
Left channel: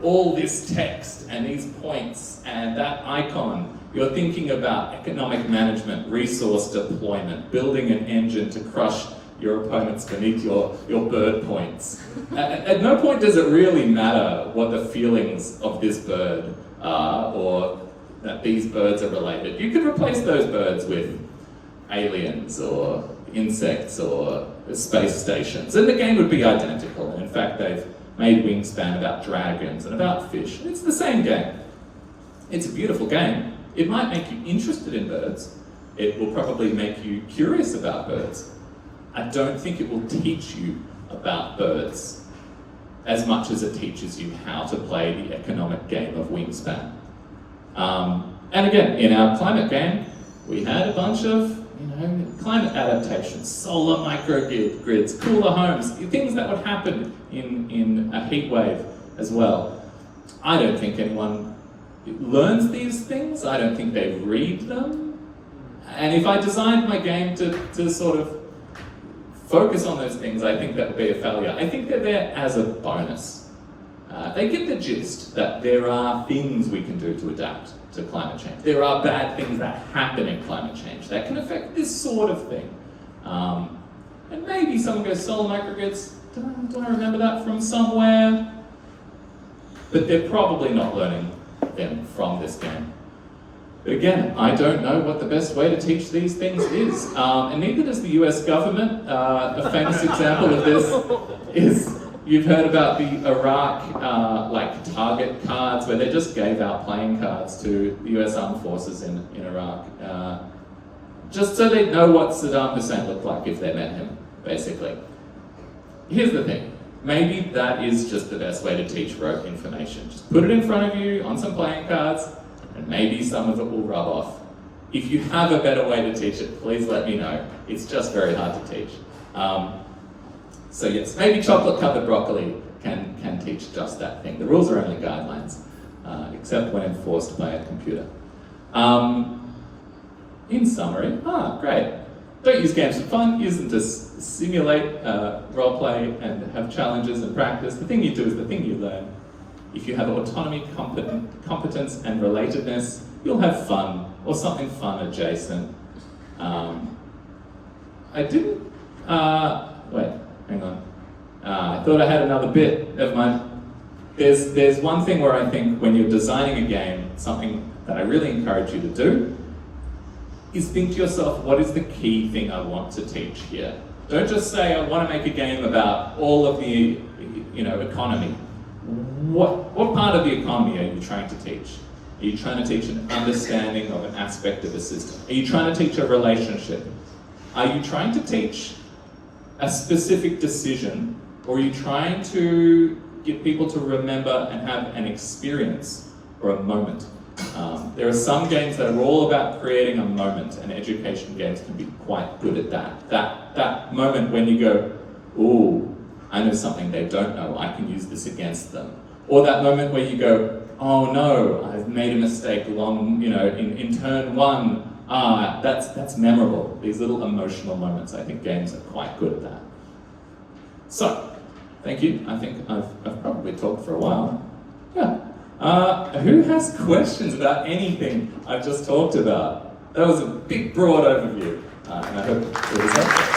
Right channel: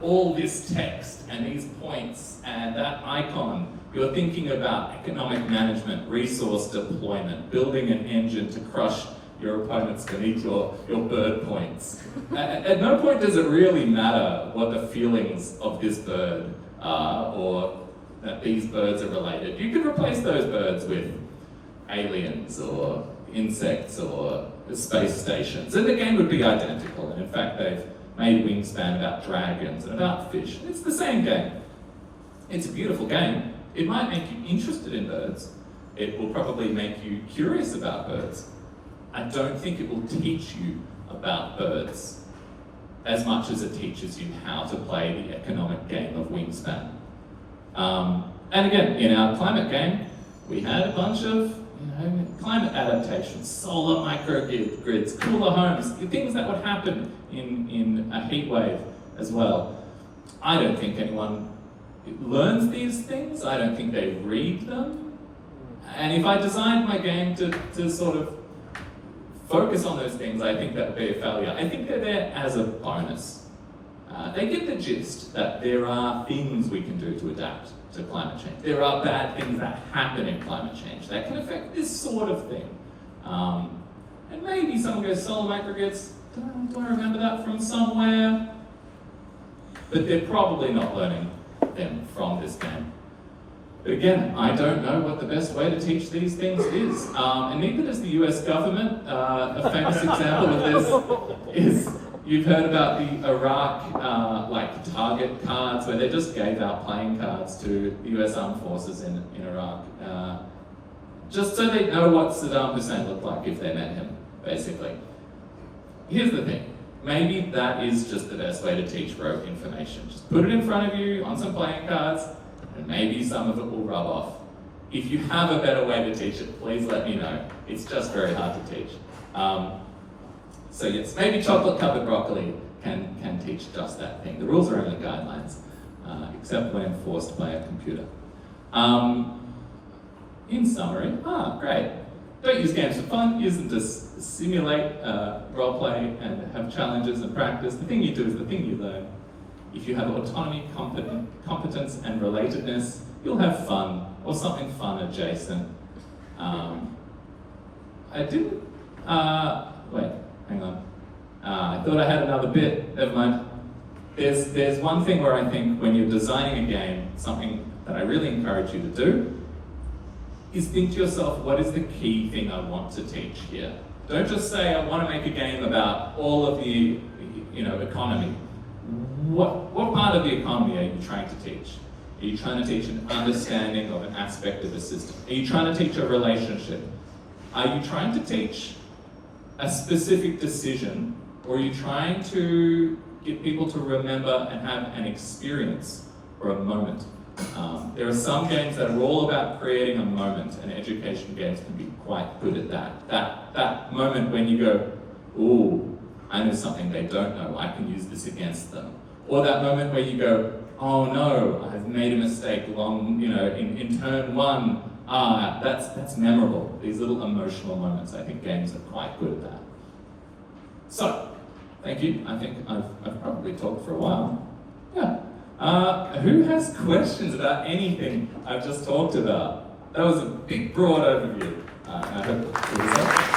all this text and these points and that icon. You're thinking about economic management, resource deployment, building an engine to crush your opponents beneath your bird points. At no point does it really matter what the feelings of this bird are, or that these birds are related. You could replace those birds with aliens or insects or space stations, and the game would be identical. And in fact, they've made Wingspan about dragons and about fish. It's the same game. It's a beautiful game. It might make you interested in birds. It will probably make you curious about birds. I don't think it will teach you about birds as much as it teaches you how to play the economic game of Wingspan. And again, in our climate game, we had a bunch of climate adaptations, solar microgrids, cooler homes, things that would happen in a heat wave as well. I don't think anyone learns these things. I don't think they read them. And if I designed my game to sort of focus on those things, I think that would be a failure. I think they're there as a bonus. They get the gist that there are things we can do to adapt to climate change. There are bad things that happen in climate change that can affect this sort of thing. And maybe someone goes, solar microgrids, don't I remember that from somewhere? But they're probably not learning them from this game. But again, I don't know what the best way to teach these things is. And neither does the US government. A famous example of this is, you've heard about the Iraq target cards, where they just gave out playing cards to the US armed forces in Iraq, just so they'd know what Saddam Hussein looked like if they met him, basically. Here's the thing. Maybe that is just the best way to teach rote information. Just put it in front of you on some playing cards, and maybe some of it will rub off. If you have a better way to teach it, please let me know. It's just very hard to teach. So yes, maybe chocolate-covered broccoli can teach just that thing. The rules are only guidelines, except when enforced by a computer. In summary, great. Don't use games for fun, use them to simulate role-play and have challenges and practice. The thing you do is the thing you learn. If you have autonomy, competence, and relatedness, you'll have fun, or something fun adjacent. I didn't, wait, hang on. I thought I had another bit of mine. there's one thing where I think when you're designing a game, something that I really encourage you to do is think to yourself, what is the key thing I want to teach here? Don't just say, I want to make a game about all of the, economy. What part of the economy are you trying to teach? Are you trying to teach an understanding of an aspect of the system? Are you trying to teach a relationship? Are you trying to teach a specific decision, or are you trying to get people to remember and have an experience or a moment? There are some games that are all about creating a moment, and education games can be quite good at that. That moment when you go, ooh, I know something they don't know, I can use this against them. Or that moment where you go, oh no, I've made a mistake in turn one. That's memorable. These little emotional moments, I think games are quite good at that. So, thank you. I think I've probably talked for a while. Yeah. Who has questions about anything I've just talked about? That was a big, broad overview. I hope it was helpful.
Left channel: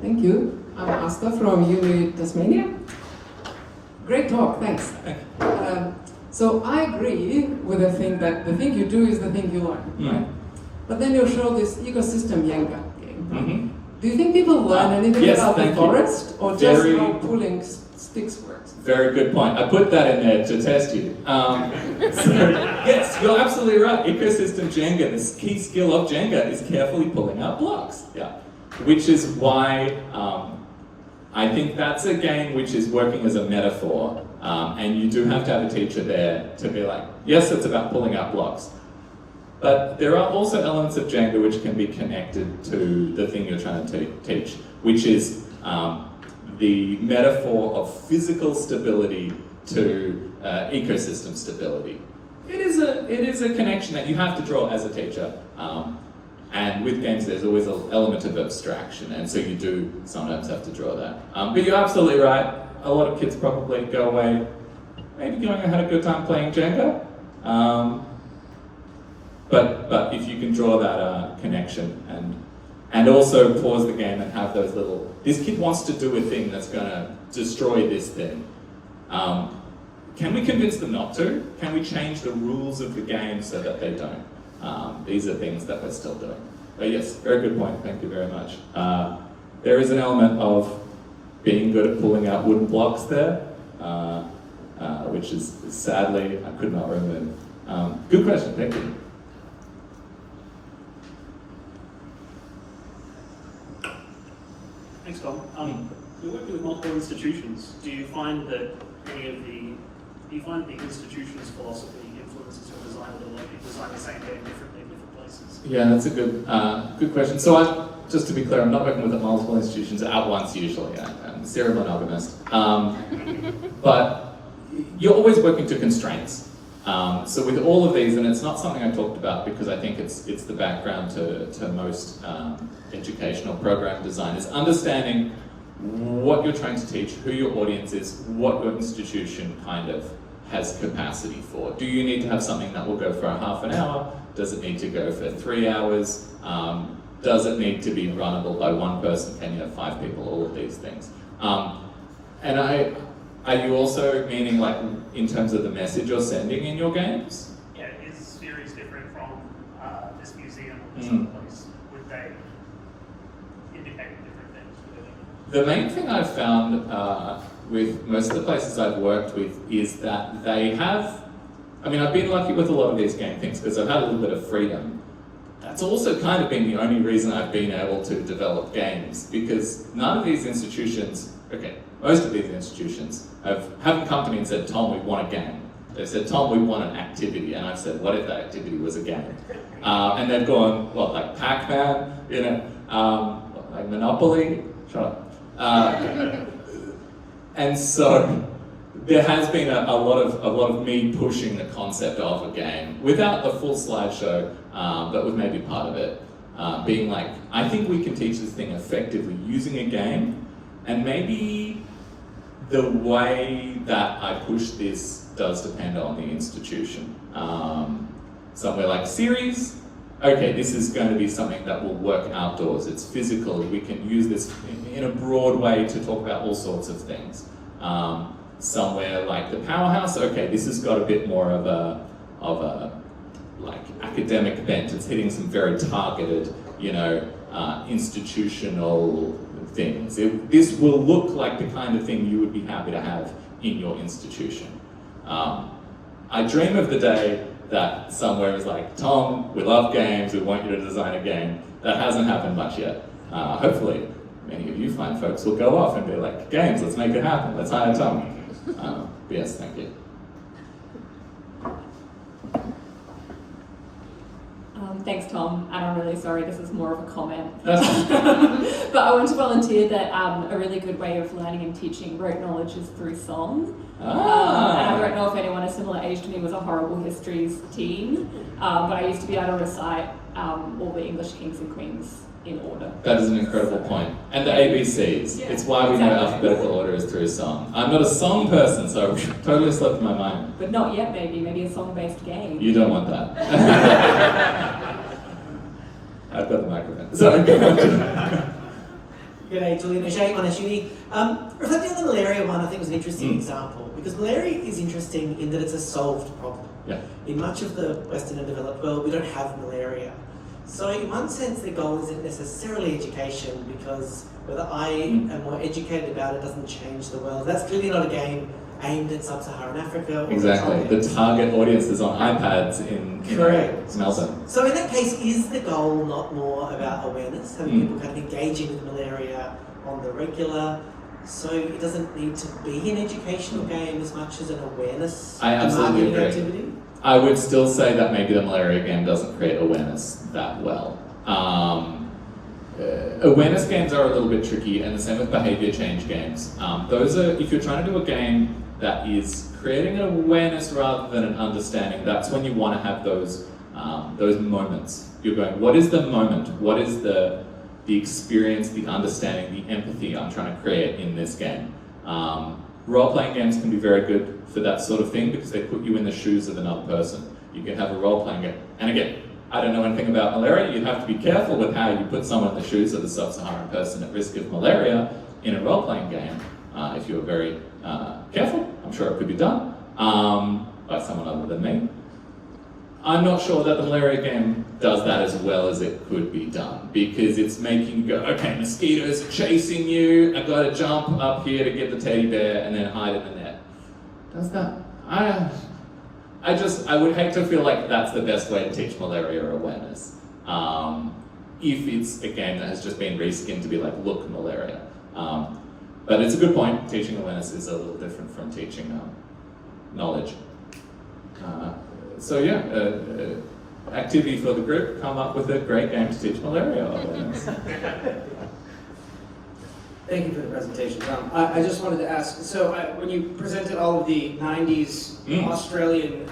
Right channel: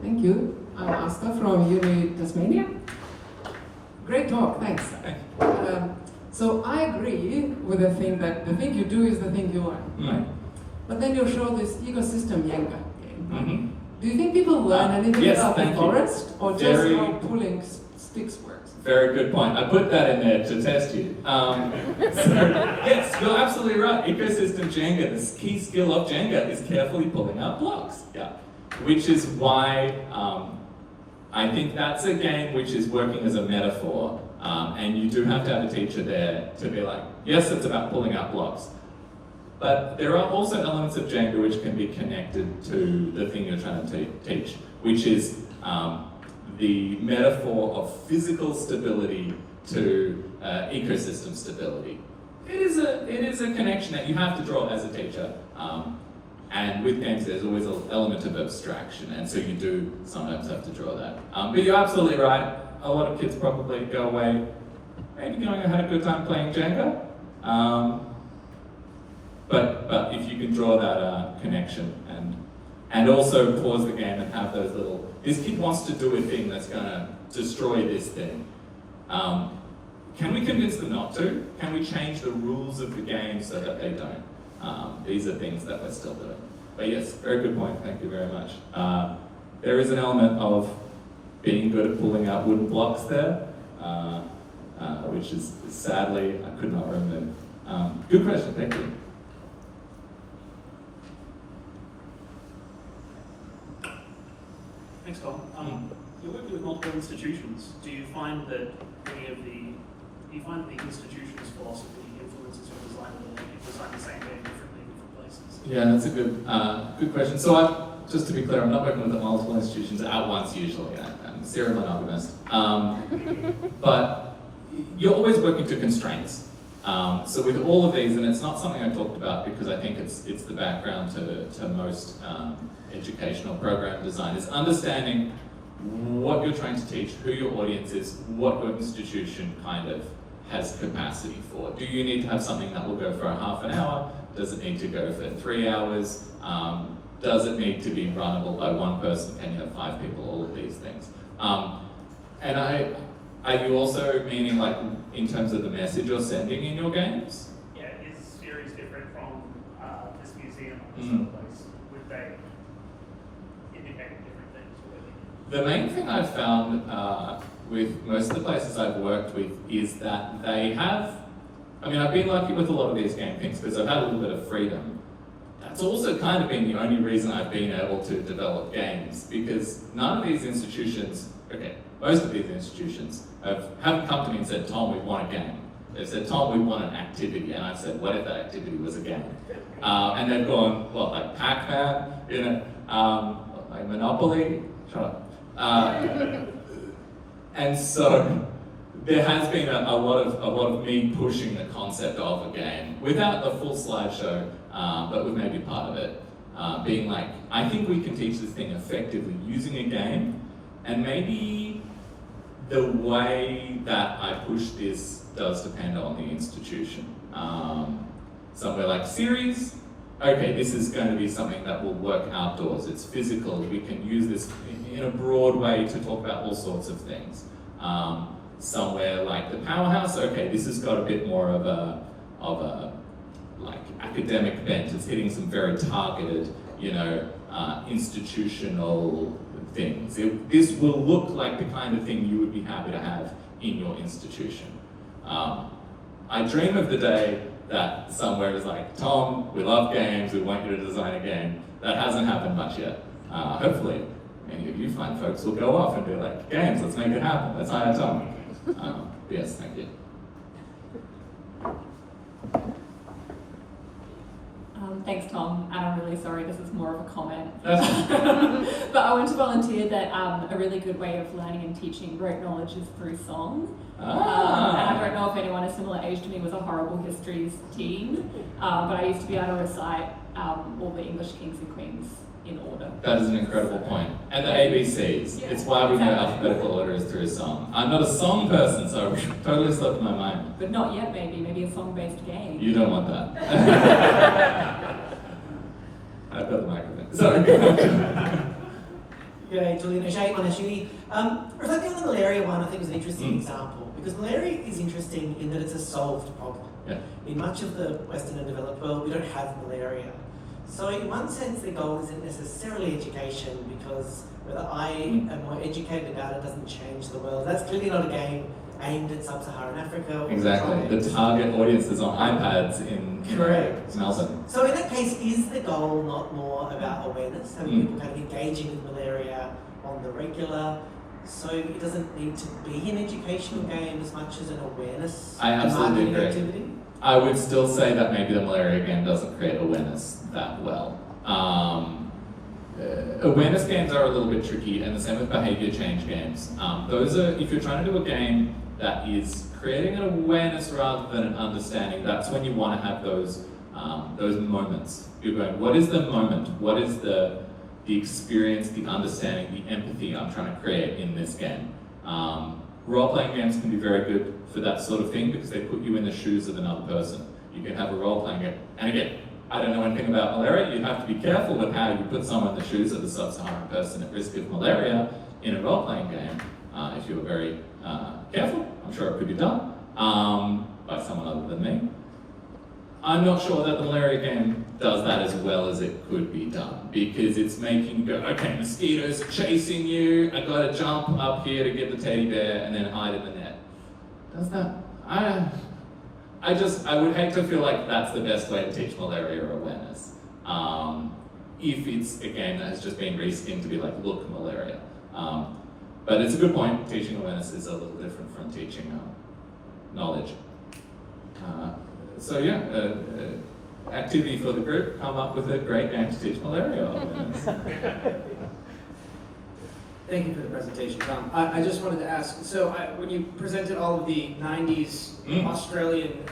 Thank you. I'm Asta from Uni Tasmania. Great talk, thanks. So I agree with the thing that the thing you do is the thing you learn. Right? But then you show this ecosystem Jenga game. Mm-hmm. Do you think people learn anything about the forest, or just Very, how pulling sticks works? Very good point. I put that in there to test you. Yes, you're absolutely right. Ecosystem Jenga, the key skill of Jenga is carefully pulling out blocks. Yeah. Which is why I think that's a game which is working as a metaphor, and you do have to have a teacher there to be like, yes, it's about pulling out blocks. But there are also elements of Jenga which can be connected to the thing you're trying to teach, which is the metaphor of physical stability to ecosystem stability. It is a connection that you have to draw as a teacher. And with games, there's always an element of abstraction, and so you do sometimes have to draw that. But you're absolutely right. A lot of kids probably go away, maybe going and had a good time playing Jenga. But if you can draw that connection and also pause the game and have those little, this kid wants to do a thing that's going to destroy this thing. Can we convince them not to? Can we change the rules of the game so that they don't? These are things that we're still doing. But yes, very good point, thank you very much. There is an element of being good at pulling out wooden blocks there, which is sadly, I could not remove. Good question, thank you. Thanks, Tom. You're working with multiple institutions. Do you find that the institution's philosophy influences your design, or like you design the same game differently in different places? Yeah, that's a good question. So just to be clear, I'm not working with the multiple institutions at once usually. I'm a serial monogamist. But you're always working to constraints. So with all of these, and it's not something I talked about because I think it's the background to most educational program design, is understanding what you're trying to teach, who your audience is, what your institution kind of has capacity for. Do you need to have something that will go for a half an hour? Does it need to go for 3 hours? Does it need to be runnable by one person? Can you have 5 people? All of these things. Are you also meaning like in terms of the message you're sending in your games? Yeah, is series different from this museum or this place? Would they indicate different things? The main thing I've found with most of the places I've worked with is that they have, I've been lucky with a lot of these game things because I've had a little bit of freedom. That's also kind of been the only reason I've been able to develop games, because none of these institutions, most of these institutions haven't come to me and said, Tom, we want a game. They said, Tom, we want an activity. And I said, what if that activity was a game? And they've gone, what, like Pac-Man, like Monopoly? Shut up. And so there has been a lot of me pushing the concept of a game without a full slideshow, but with maybe part of it being like, I think we can teach this thing effectively using a game, and maybe the way that I push this does depend on the institution. Somewhere like series, okay, this is going to be something that will work outdoors. It's physical. We can use this in a broad way to talk about all sorts of things. Somewhere like the Powerhouse, okay, this has got a bit more of a like academic bent. It's hitting some very targeted, institutional things. This will look like the kind of thing you would be happy to have in your institution. I dream of the day that somewhere is like, Tom, we love games, we want you to design a game. That hasn't happened much yet. Hopefully, many of you fine folks will go off and be like, games, let's make it happen, let's hire Tom. Yes, thank you. Thanks, Tom, and I'm really sorry, this is more of a comment. That's But I want to volunteer that a really good way of learning and teaching rote knowledge is through song. And I don't know if anyone a similar age to me was a horrible histories teen, but I used to be able to recite all the English kings and queens in order. That is an incredible point. And the ABCs. Yeah, It's why we know alphabetical order is through song. I'm not a song person, so it totally slipped my mind. But not yet, maybe. Maybe a song-based game. You don't want that. I've got the microphone. Sorry. G'day, Julian O'Shea, Judy. Reflecting on the malaria one, I think was an interesting example, because malaria is interesting in that it's a solved problem. Yeah. In much of the Western and developed world, we don't have malaria. So in one sense, the goal isn't necessarily education, because whether I am more educated about it doesn't change the world. That's clearly not a game aimed at sub-Saharan Africa. Or Exactly. The target audience is on iPads in Melbourne. So in that case, is the goal not more about awareness, having people kind of engaging with malaria on the regular? So it doesn't need to be an educational game as much as an awareness I absolutely marketing agree. activity? I would still say that maybe the malaria game doesn't create awareness that well. Awareness games are a little bit tricky, and the same with behavior change games. Those are, if you're trying to do a game that is creating an awareness rather than an understanding, that's when you want to have those moments. You're going, what is the moment? What is the experience, the understanding, the empathy I'm trying to create in this game? Role-playing games can be very good for that sort of thing because they put you in the shoes of another person. You can have a role-playing game. And again, I don't know anything about malaria. You have to be careful with how you put someone in the shoes of a sub-Saharan person at risk of malaria in a role-playing game. If you're very careful, I'm sure it could be done by someone other than me. I'm not sure that the malaria game does that as well as it could be done, because it's making you go, okay, mosquitoes chasing you, I've got to jump up here to get the teddy bear and then hide in the net. Does that? I would hate to feel like that's the best way to teach malaria awareness. If it's a game that has just been reskinned to be like, look, malaria. But it's a good point. Teaching awareness is a little different from teaching knowledge. So yeah, activity for the group, come up with a great game to teach malaria awareness. Thank you for the presentation, Tom. I just wanted to ask, so when you presented all of the 90s Australian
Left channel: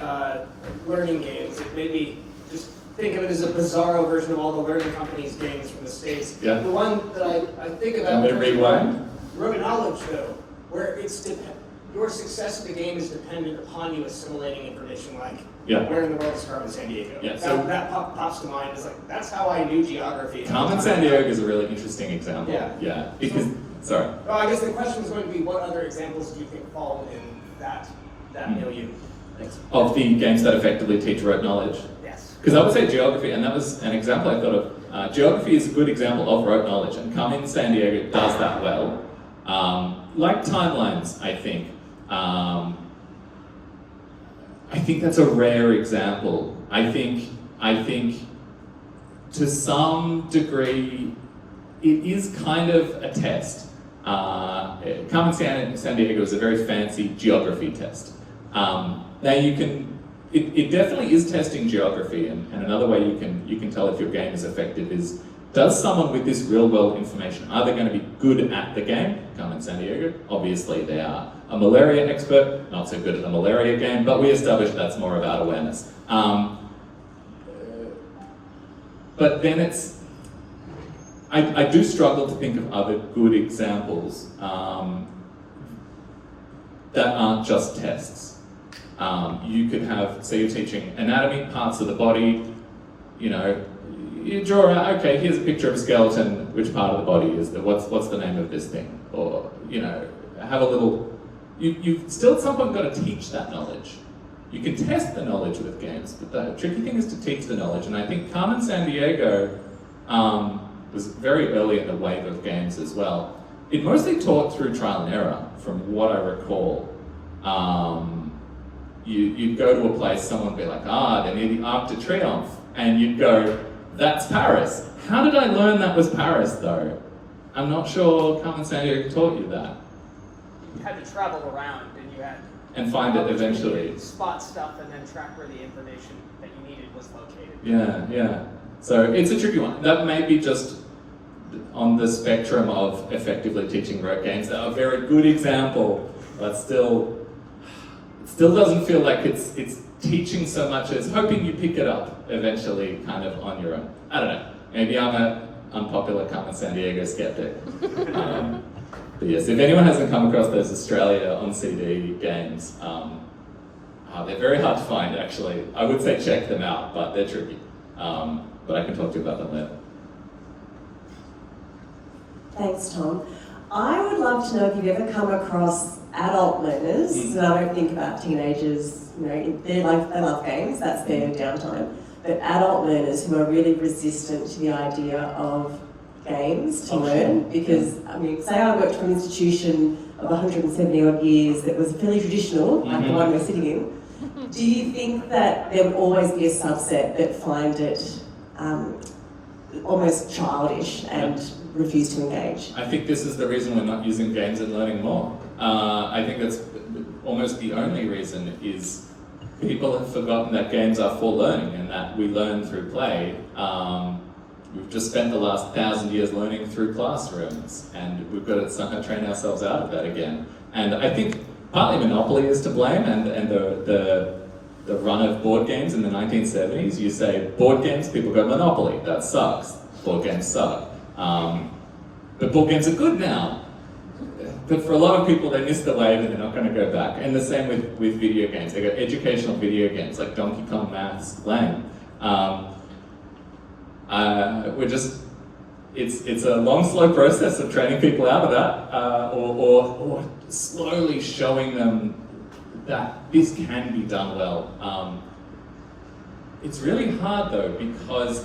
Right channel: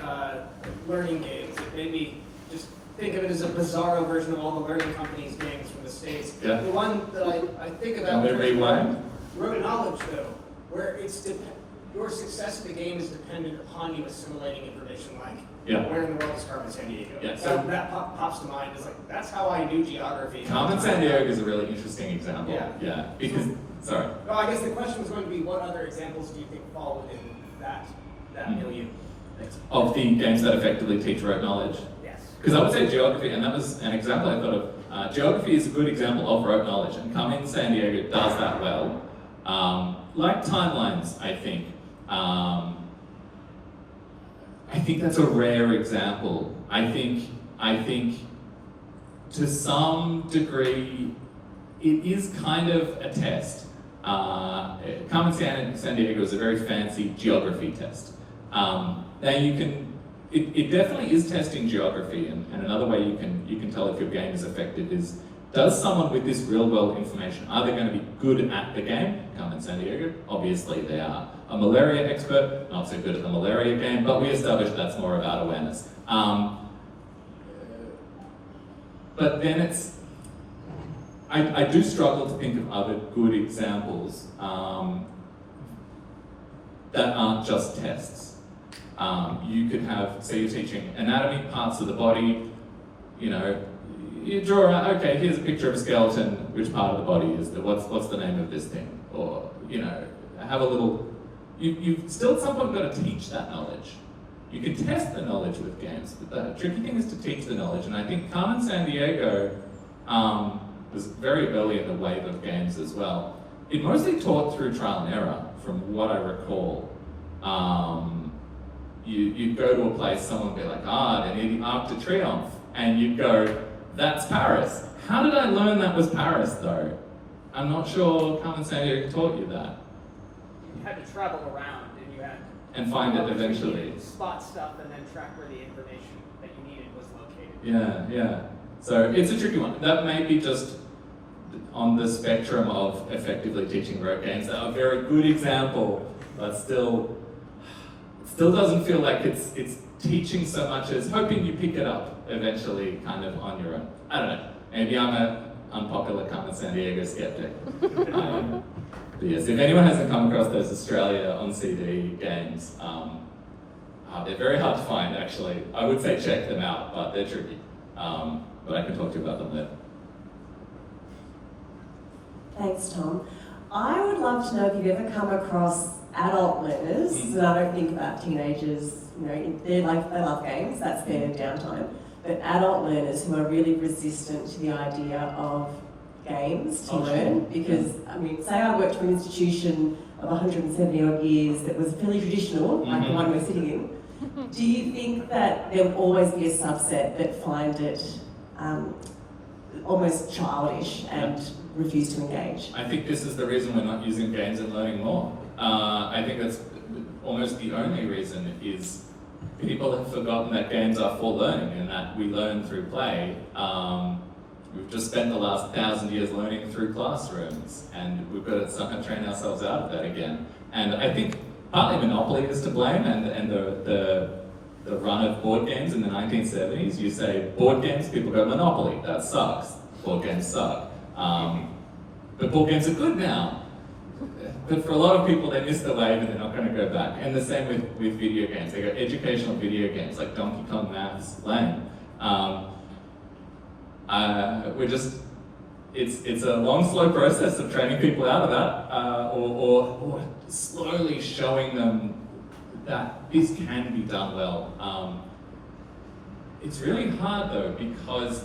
learning games, it made me just think of it as a bizarro version of all the learning companies games from the States. Yeah. The one that I think about rote knowledge, though, where it's your success in the game is dependent upon you assimilating information, like where in the world is Carmen Sandiego. Yeah, That pops to mind. It's like, that's how I knew geography. Carmen Sandiego is a really interesting example. Yeah. Because, sorry. Oh, I guess the question is going to be, what other examples do you think fall within that milieu? Of the games that effectively teach rote knowledge? Yes. Because I would say geography, and that was an example I thought of. Geography is a good example of rote knowledge, and Carmen Sandiego does that well. Like timelines, I think. I think that's a rare example. I think to some degree it is kind of a test. Carmen Sandiego is a very fancy geography test. Now it definitely is testing geography, and another way you can tell if your game is effective is, does someone with this real world information, are they going to be good at the game? Carmen Sandiego, obviously they are. A malaria expert, not so good at the malaria game, but we established that's more about awareness. But then I do struggle to think of other good examples that aren't just tests. You could have, say you're teaching anatomy, parts of the body, you draw around, okay, here's a picture of a skeleton, which part of the body is that, what's the name of this thing? Or, you know, have a little, you've still at some point got to teach that knowledge. You can test the knowledge with games, but the tricky thing is to teach the knowledge, and I think Carmen Sandiego was very early in the wave of games as well. It mostly taught through trial and error, from what I recall. You'd go to a place, someone would be like, they need the Arc de Triomphe, and you'd go, that's Paris. How did I learn that was Paris, though? I'm not sure Carmen Sandiego taught you that. You had to travel around, and you had and find it eventually. Spot stuff and then track where the information that you needed was located. Yeah. So it's a tricky one. That may be just on the spectrum of effectively teaching rote games. A very good example, but still doesn't feel like it's teaching so much as hoping you pick it up eventually kind of on your own. I don't know. Maybe I'm an unpopular Carmen Sandiego skeptic. But yes, if anyone hasn't come across those Australia on CD games, they're very hard to find actually. I would say check them out, but they're tricky. But I can talk to you about them later. Thanks, Tom. I would love to know if you've ever come across adult learners, and I don't think about teenagers, you know, they love games, that's their downtime, but adult learners who are really resistant to the idea of games to learn, because, I mean, say I worked for an institution of 170 odd years that was fairly traditional, like the one we're sitting in. Do you think that there would always be a subset that find it almost childish and refuse to engage? I think this is the reason we're not using games in learning more. I think that's almost the only reason is people have forgotten that games are for learning and that we learn through play. We've just spent the last 1,000 years learning through classrooms, and we've got to somehow train ourselves out of that again. And I think partly Monopoly is to blame, and the run of board games in the 1970s. You say board games, people go Monopoly, that sucks. Board games suck. But board games are good now. But for a lot of people, they miss the wave and they're not going to go back. And the same with video games. They go educational video games like Donkey Kong Maths, lame. It's a long, slow process of training people out of that, or slowly showing them that this can be done well. It's really hard though, because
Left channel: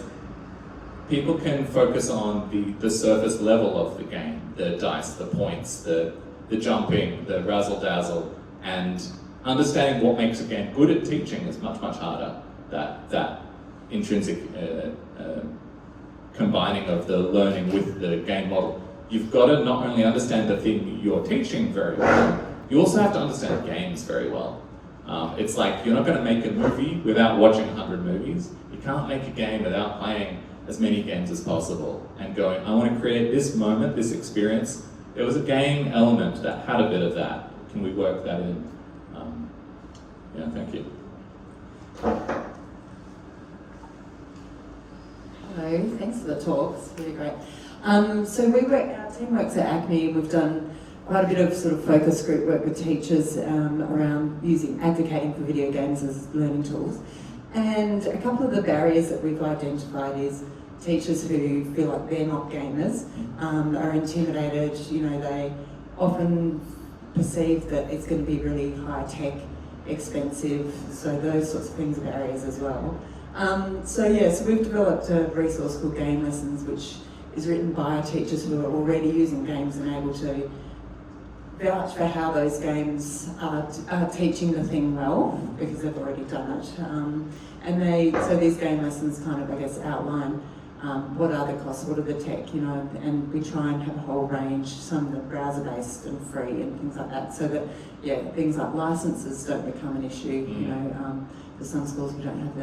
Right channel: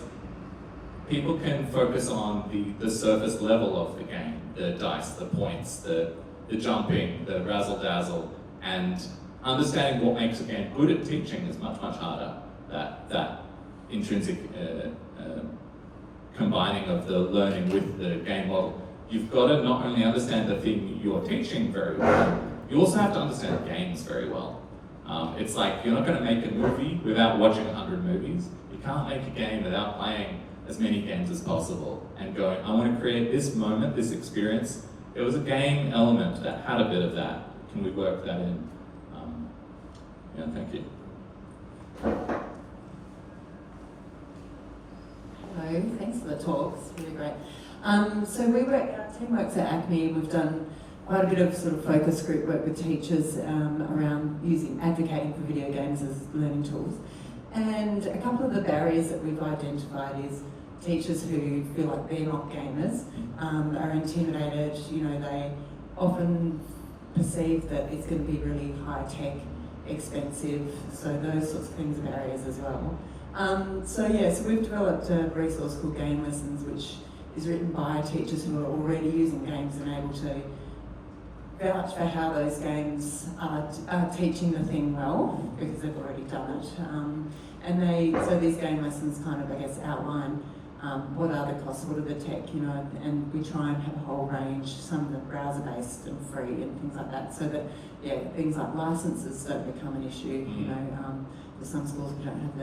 people can focus on the surface level of the game, the dice, the points, the jumping, the razzle-dazzle, and understanding what makes a game good at teaching is much, much harder. That intrinsic combining of the learning with the game model. You've got to not only understand the thing you're teaching very well, you also have to understand games very well. It's like you're not going to make a movie without watching 100 movies. You can't make a game without playing as many games as possible and going, I want to create this moment, this experience. There was a game element that had a bit of that. Can we work that in? Thank you. Hello, thanks for the talk, it's really great. So our team works at ACME, we've done quite a bit of sort of focus group work with teachers around advocating for video games as learning tools. And a couple of the barriers that we've identified is teachers who feel like they're not gamers are intimidated, they often perceive that it's going to be really high-tech, expensive, so those sorts of things are barriers as well. So we've developed a resource called Game Lessons, which is written by teachers who are already using games and able to vouch for how those games are teaching the thing well, because they've already done it. So these game lessons kind of, I guess, outline what are the costs, what are the tech, and we try and have a whole range, some of them browser-based and free and things like that, so that, things like licenses don't become an issue, for some schools we don't have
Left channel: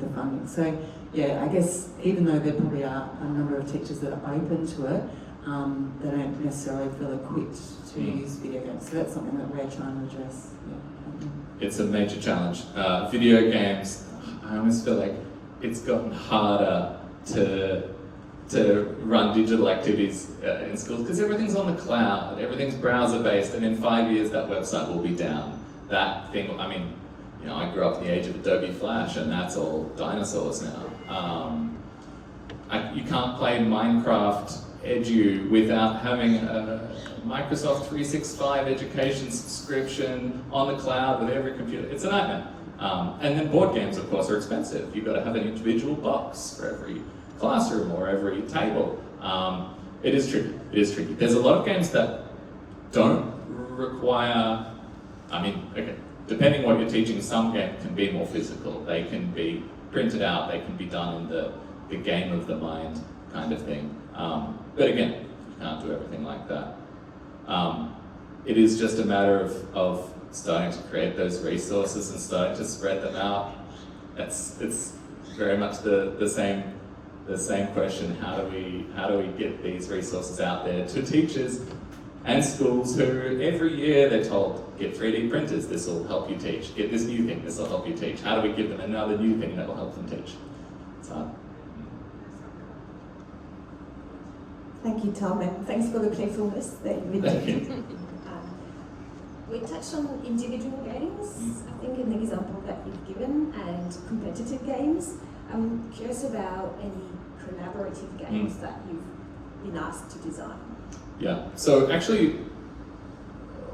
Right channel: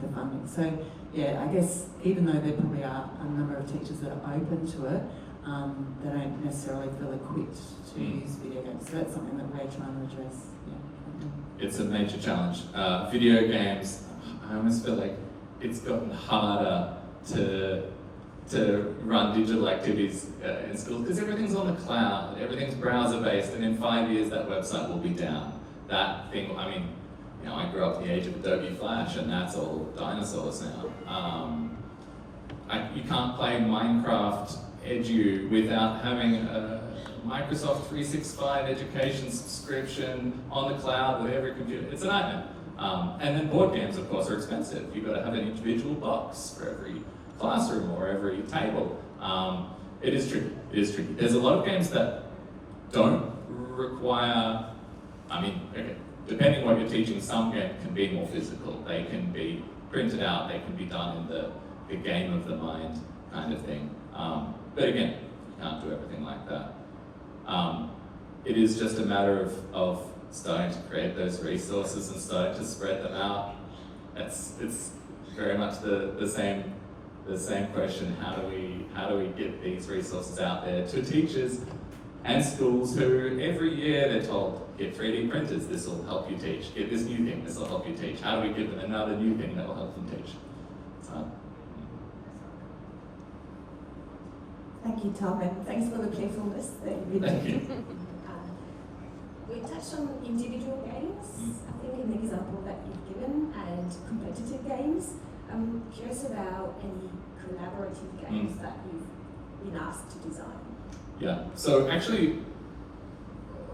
the funding. So, I guess even though there probably are a number of teachers that are open to it, they don't necessarily feel equipped to use video games. So that's something that we're trying to address. It's a major challenge. Video games, I almost feel like it's gotten harder to run digital activities in schools because everything's on the cloud, everything's browser-based, and in 5 years that website will be down. That thing, I grew up in the age of Adobe Flash, and that's all dinosaurs now. you can't play Minecraft Edu without having a Microsoft 365 education subscription on the cloud with every computer. It's a nightmare. And then board games, of course, are expensive. You've got to have an individual box for every classroom or every table. It is tricky. It is tricky. There's a lot of games that don't require, I mean, okay, depending on what you're teaching, some games can be more physical. They can be printed out, they can be done in the game of the mind kind of thing. But again, you can't do everything like that. It is just a matter of starting to create those resources and starting to spread them out. It's very much the same question. How do we get these resources out there to teachers and schools who every year they're told, get 3D printers, this will help you teach. Get this new thing, this will help you teach. How do we give them another new thing that will help them teach? It's hard. Thank you, Tom, and thanks for the playfulness that you've been doing. We touched on individual games, I think in the example that you've given, and competitive games. I'm curious about any collaborative games that you've been asked to design. Yeah, so actually,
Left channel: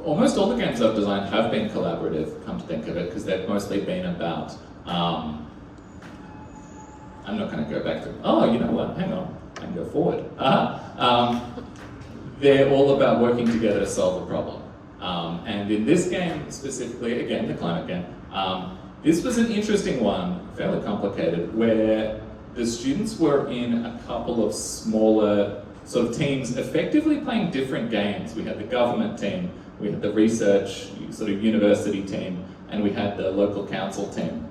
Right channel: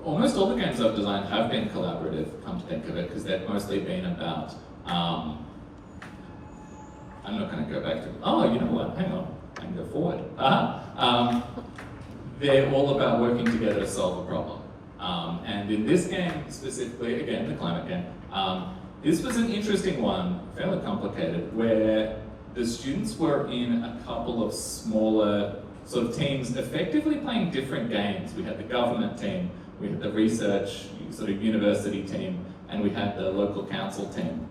almost all the games I've designed have been collaborative, come to think of it, because they've mostly been about, I'm not going to go back to, oh, you know what, hang on, I can go forward. They're all about working together to solve a problem. And in this game specifically, again, the climate game, this was an interesting one, fairly complicated, where the students were in a couple of smaller sort of teams, effectively playing different games. We had the government team, we had the research sort of university team, and we had the local council team.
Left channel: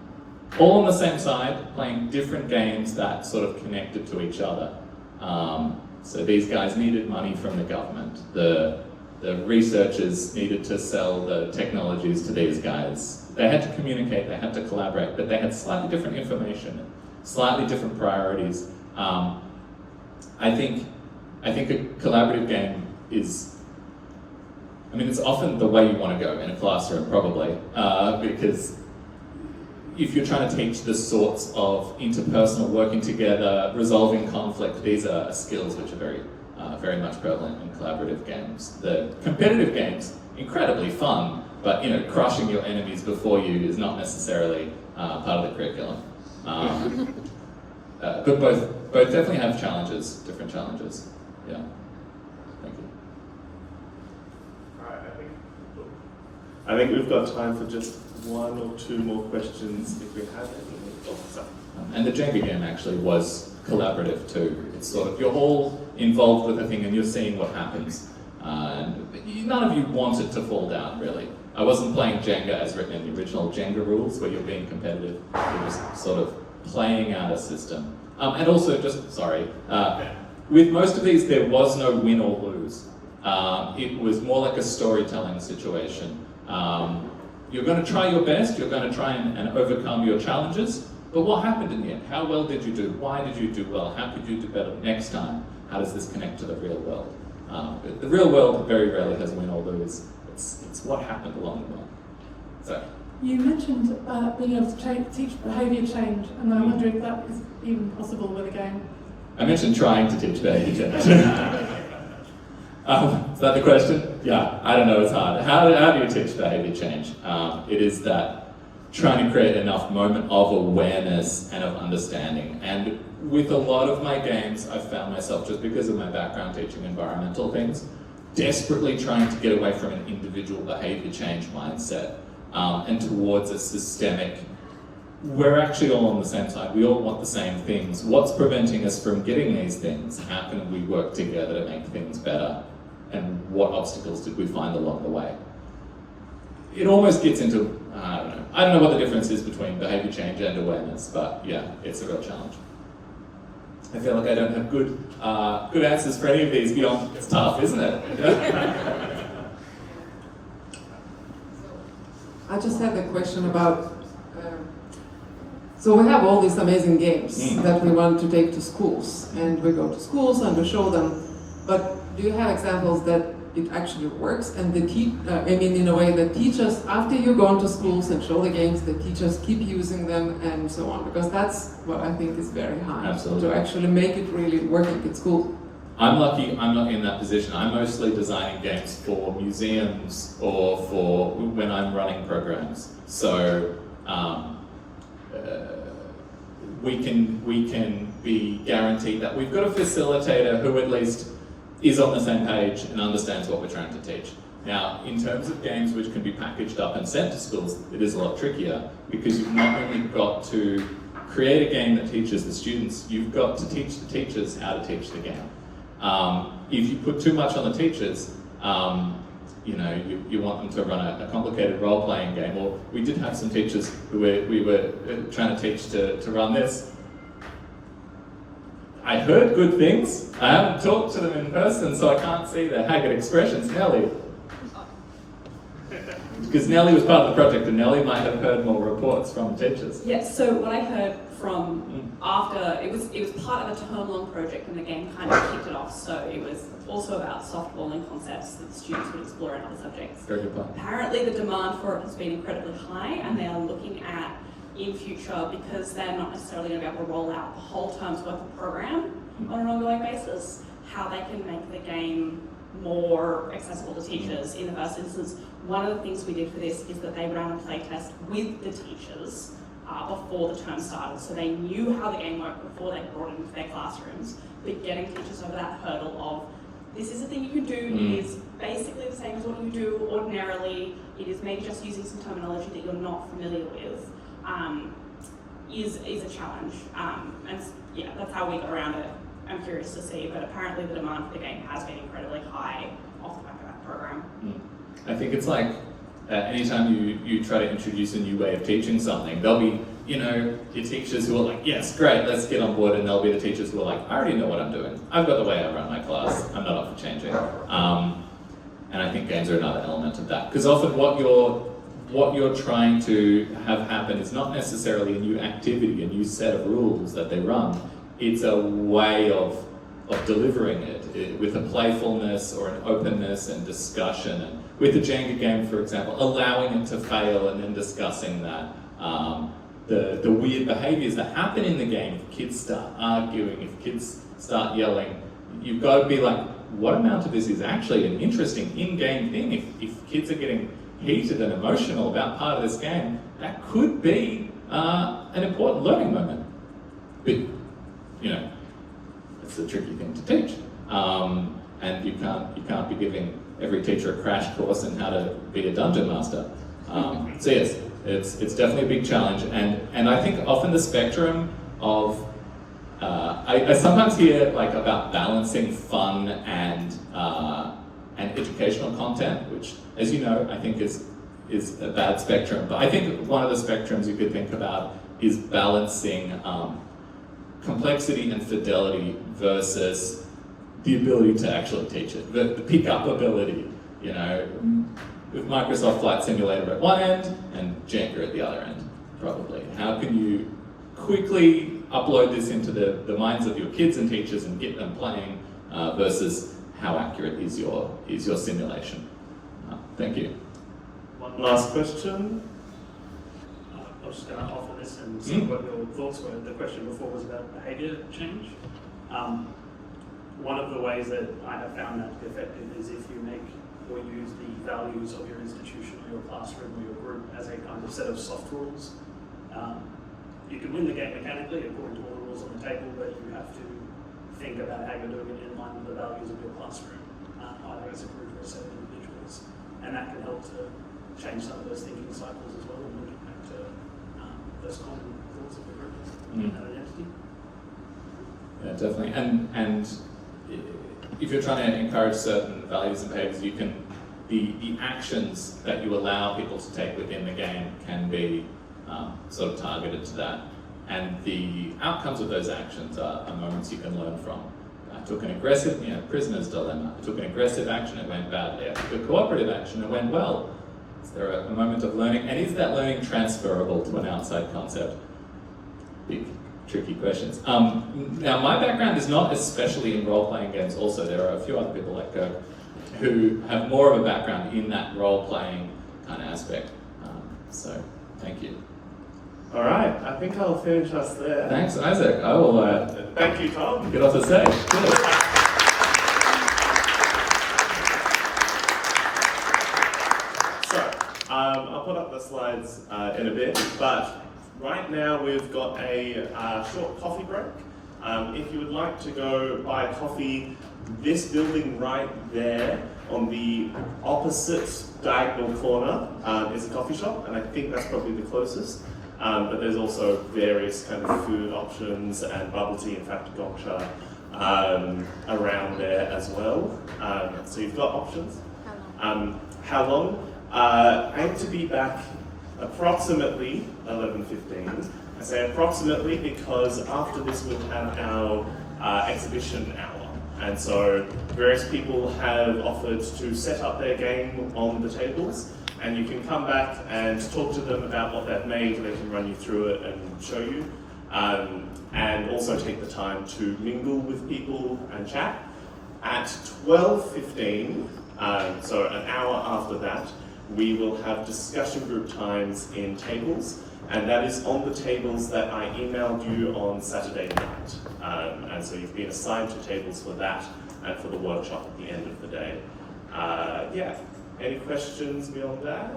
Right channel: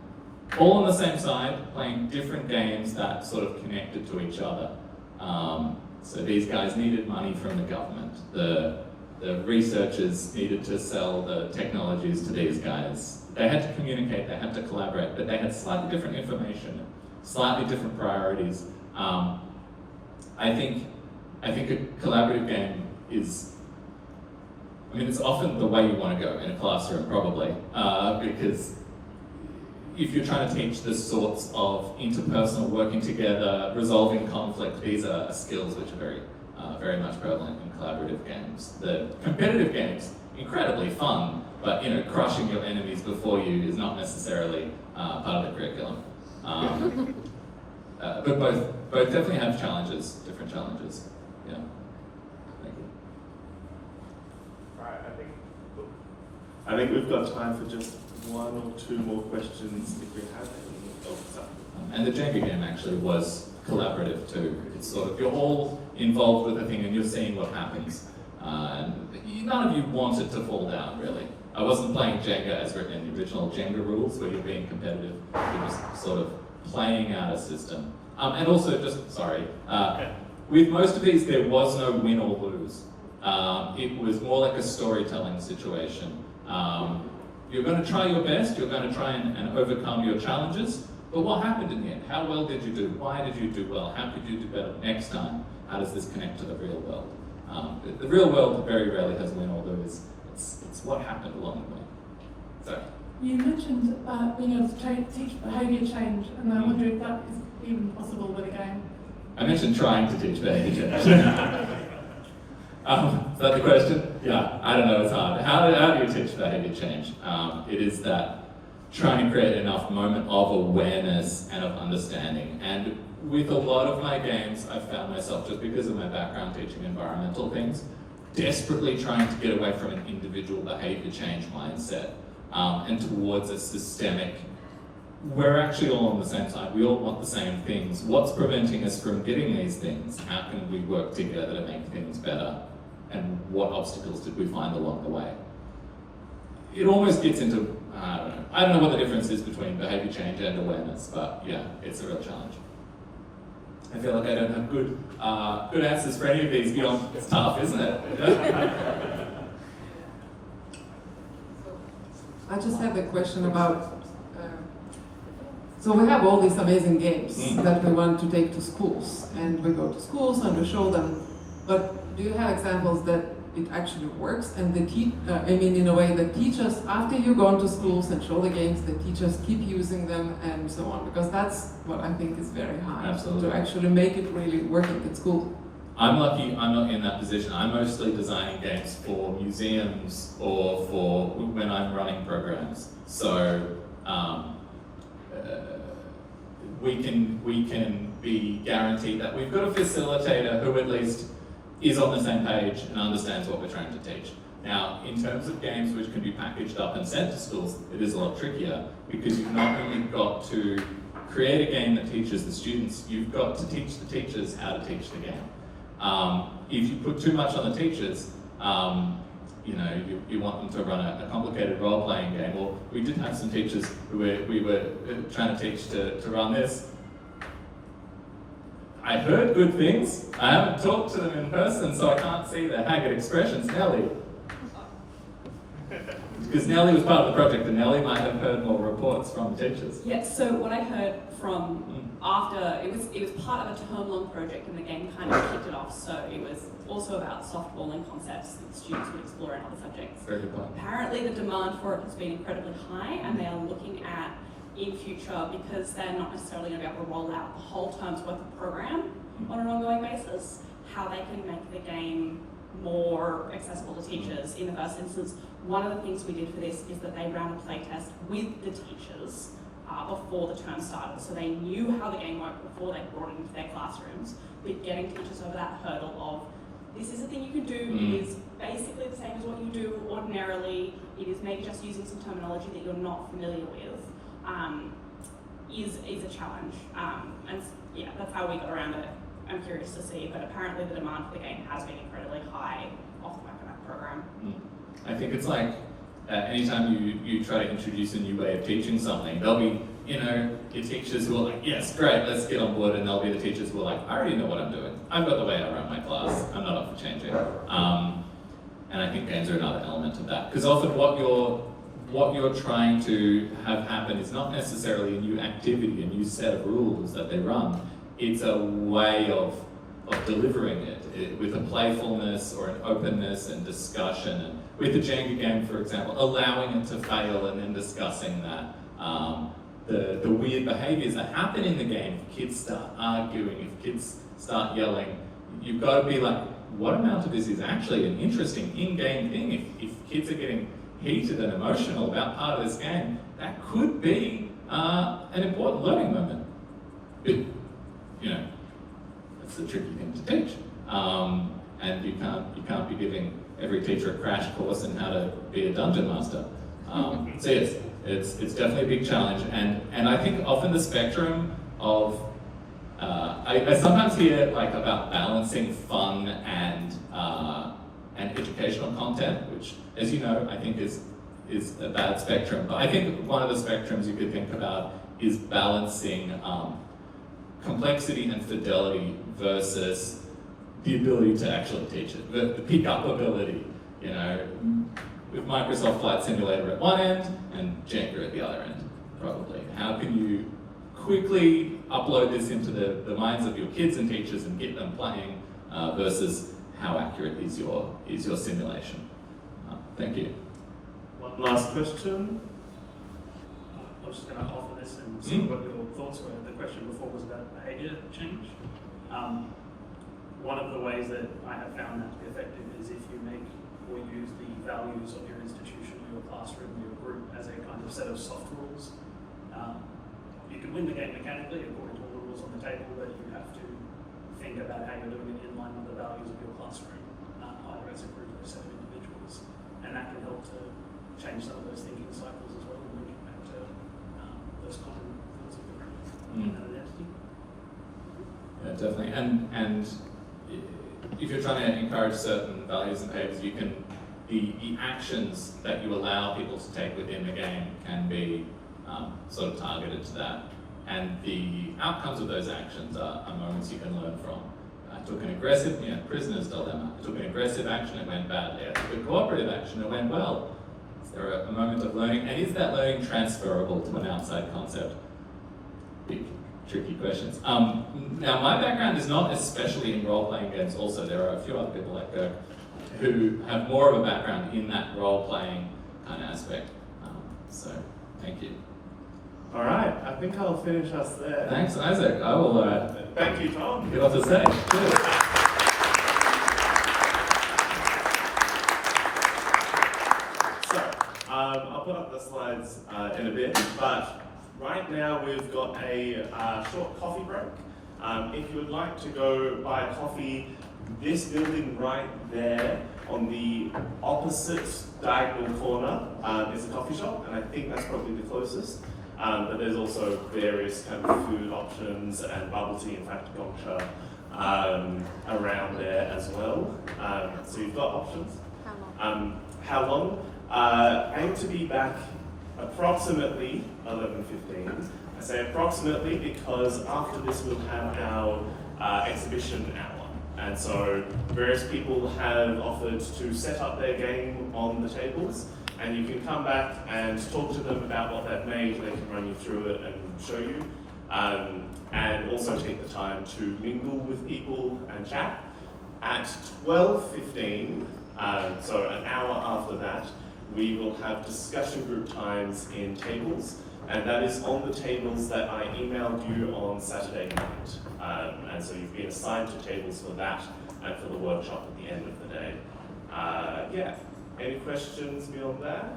All on the same side, playing different games that sort of connected to each other. So these guys needed money from the government. The researchers needed to sell the technologies to these guys. They had to communicate, they had to collaborate, but they had slightly different information, slightly different priorities. I think a collaborative game is, I mean, it's often the way you want to go in a classroom, probably, because if you're trying to teach the sorts of interpersonal working together, resolving conflict, these are skills which are very much prevalent in collaborative games. The competitive games, incredibly fun, but crushing your enemies before you is not necessarily part of the curriculum. But both definitely have challenges, different challenges. Yeah. Thank you. I think we've got time for just one or two more questions if you have any. And the Jenga game actually was collaborative too. It's sort of, you're all involved with the thing and you're seeing what happens. And none of you want it to fall down, really. I wasn't playing Jenga as written in the original Jenga rules where you're being competitive. It was sort of playing out a system. And also, with most of these, there was no win or lose. It was more like a storytelling situation. You're going to try your best, you're going to try and overcome your challenges, but what happened in the end? How well did you do? Why did you do well? How could you do better next time? How does this connect to the real world? The real world very rarely has win or lose. It's what happened along the way. So. You mentioned being able to teach behaviour change, and I wonder if that is even possible with a game. I mentioned trying to teach behaviour change. Is that the question? Yeah, I don't know, it's hard. How do you teach behaviour change? It is that trying to create enough moment of awareness and of understanding. And with a lot of my games, I've found myself, just because of my background teaching environmental things, desperately trying to get away from an individual behaviour change mindset and towards a systemic, we're actually all on the same side, we all want the same things. What's preventing us from getting these things? How can we work together to make things better? And what obstacles did we find along the way? It almost gets into, I don't know what the difference is between behaviour change and awareness, but yeah, it's a real challenge. I feel like I don't have good answers for any of these beyond, it's tough, isn't it? I just had a question about, so we have all these amazing games that we want to take to schools, and we go to schools and we show them, but do you have examples that it actually works, and in a way that teachers, after you go into schools and show the games, the teachers keep using them and so on, because that's what I think is very hard. Absolutely. To actually make it really working at school. I'm lucky I'm not in that position. I'm mostly designing games for museums or for when I'm running programs. So we can be guaranteed that we've got a facilitator who at least is on the same page and understands what we're trying to teach. Now, in terms of games which can be packaged up and sent to schools, it is a lot trickier because you've not only got to create a game that teaches the students, you've got to teach the teachers how to teach the game. If you put too much on the teachers, you want them to run a complicated role-playing game, or we did have some teachers who we were trying to teach to run this. I heard good things. I haven't talked to them in person, so I can't see their haggard expressions. Nellie. Because Nellie was part of the project, and Nellie might have heard more reports from teachers. Yes, so what I heard from after, it was part of a term-long project, and the game kind of kicked it off, so it was also about softballing concepts that the students would explore in other subjects. Very good point. Apparently the demand for it has been incredibly high, and they are looking at, in future, because they're not necessarily going to be able to roll out the whole term's worth of program on an ongoing basis, how they can make the game more accessible to teachers. In the first instance, one of the things we did for this is that they ran a playtest with the teachers before the term started, so they knew how the game worked before they brought it into their classrooms, but getting teachers over that hurdle of, this is a thing you can do, it is basically the same as what you do ordinarily, it is maybe just using some terminology that you're not familiar with, is a challenge. And yeah, that's how we got around it. I'm curious to see, but apparently the demand for the game has been incredibly high off the back of that program. I think it's like anytime you try to introduce a new way of teaching something, there'll be, the teachers who are like, yes, great, let's get on board, and there'll be the teachers who are like, I already know what I'm doing. I've got the way I run my class. I'm not up for changing. And I think games are another element of that. Because often what you're trying to have happen is not necessarily a new activity, a new set of rules that they run. It's a way of delivering it with a playfulness or an openness and discussion. And with the Jenga game, for example, allowing it to fail and then discussing that. The weird behaviours that happen in the game, if kids start arguing, if kids start yelling, you've got to be like, what amount of this is actually an interesting in-game thing? If kids are getting heated and emotional about part of this game, that could be an important learning moment. But, it's a tricky thing to teach. And you can't be giving every teacher a crash course on how to be a dungeon master. So yes, it's definitely a big challenge, and I think often the spectrum of I sometimes hear like about balancing fun and educational content, which, as you know, I think is a bad spectrum. But I think one of the spectrums you could think about is balancing complexity and fidelity versus the ability to actually teach it, the pick-up ability, with Microsoft Flight Simulator at one end and Jenga at the other end, probably. How can you quickly upload this into the minds of your kids and teachers and get them playing versus how accurate is your simulation? Thank you. One last question. I was just going to offer this and see what your thoughts were. The question before was about behaviour change. One of the ways that I have found that effective is if you make or use the values of your institution, your classroom, or your group as a kind of set of soft rules. You can win the game mechanically according to all the rules on the table, but you have to think about how you're doing it in line with the values of your classroom, either as a group or a set of individuals. And that can help to change some of those thinking cycles as well, and looking back to those common rules of the group and an entity. Yeah, definitely. And if you're trying to encourage certain values and behaviors, you can the actions that you allow people to take within the game can be sort of targeted to that. And the outcomes of those actions are moments you can learn from. I took an aggressive, prisoner's dilemma. I took an aggressive action, it went bad. Yeah, I took a cooperative action, it went well. Is there a moment of learning? And is that learning transferable to an outside concept? Big, tricky questions. Now, my background is not especially in role-playing games also. There are a few other people that go, who have more of a background in that role-playing kind of aspect. So, thank you. All right, I think I'll finish us there. Thanks, Isaac. I will Thank you, Tom. get off the stage. Cheers. So, I'll put up the slides in a bit, but right now we've got a short coffee break. If you would like to go buy coffee, this building right there on the opposite diagonal corner is a coffee shop, and I think that's probably the closest. But there's also various kind of food options and bubble tea, in fact, gotcha, around there as well. So you've got options. How long? Aim to be back approximately 11:15. I say approximately because after this we'll have our exhibition hour. And so various people have offered to set up their game on the tables, and you can come back and talk to them about what they've made. They can run you through it and show you, and also take the time to mingle with people and chat. At 12:15, so an hour after that, we will have discussion group times in tables, and that is on the tables that I emailed you on Saturday night. And so you've been assigned to tables for that and for the workshop at the end of the day. Yeah, any questions beyond that?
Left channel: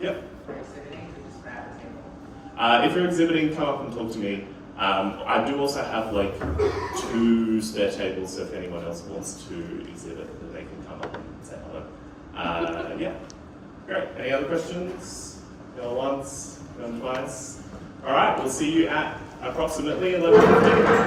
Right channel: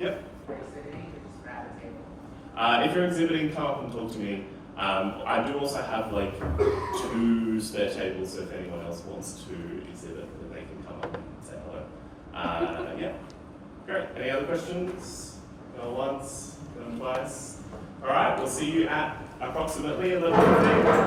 Yep. If you're exhibiting, come up and talk to me. I do also have like 2 spare tables, so if anyone else wants to exhibit, then they can come up and say hello. Yeah, great. Any other questions? Going once, going twice? All right, we'll see you at approximately 11:15.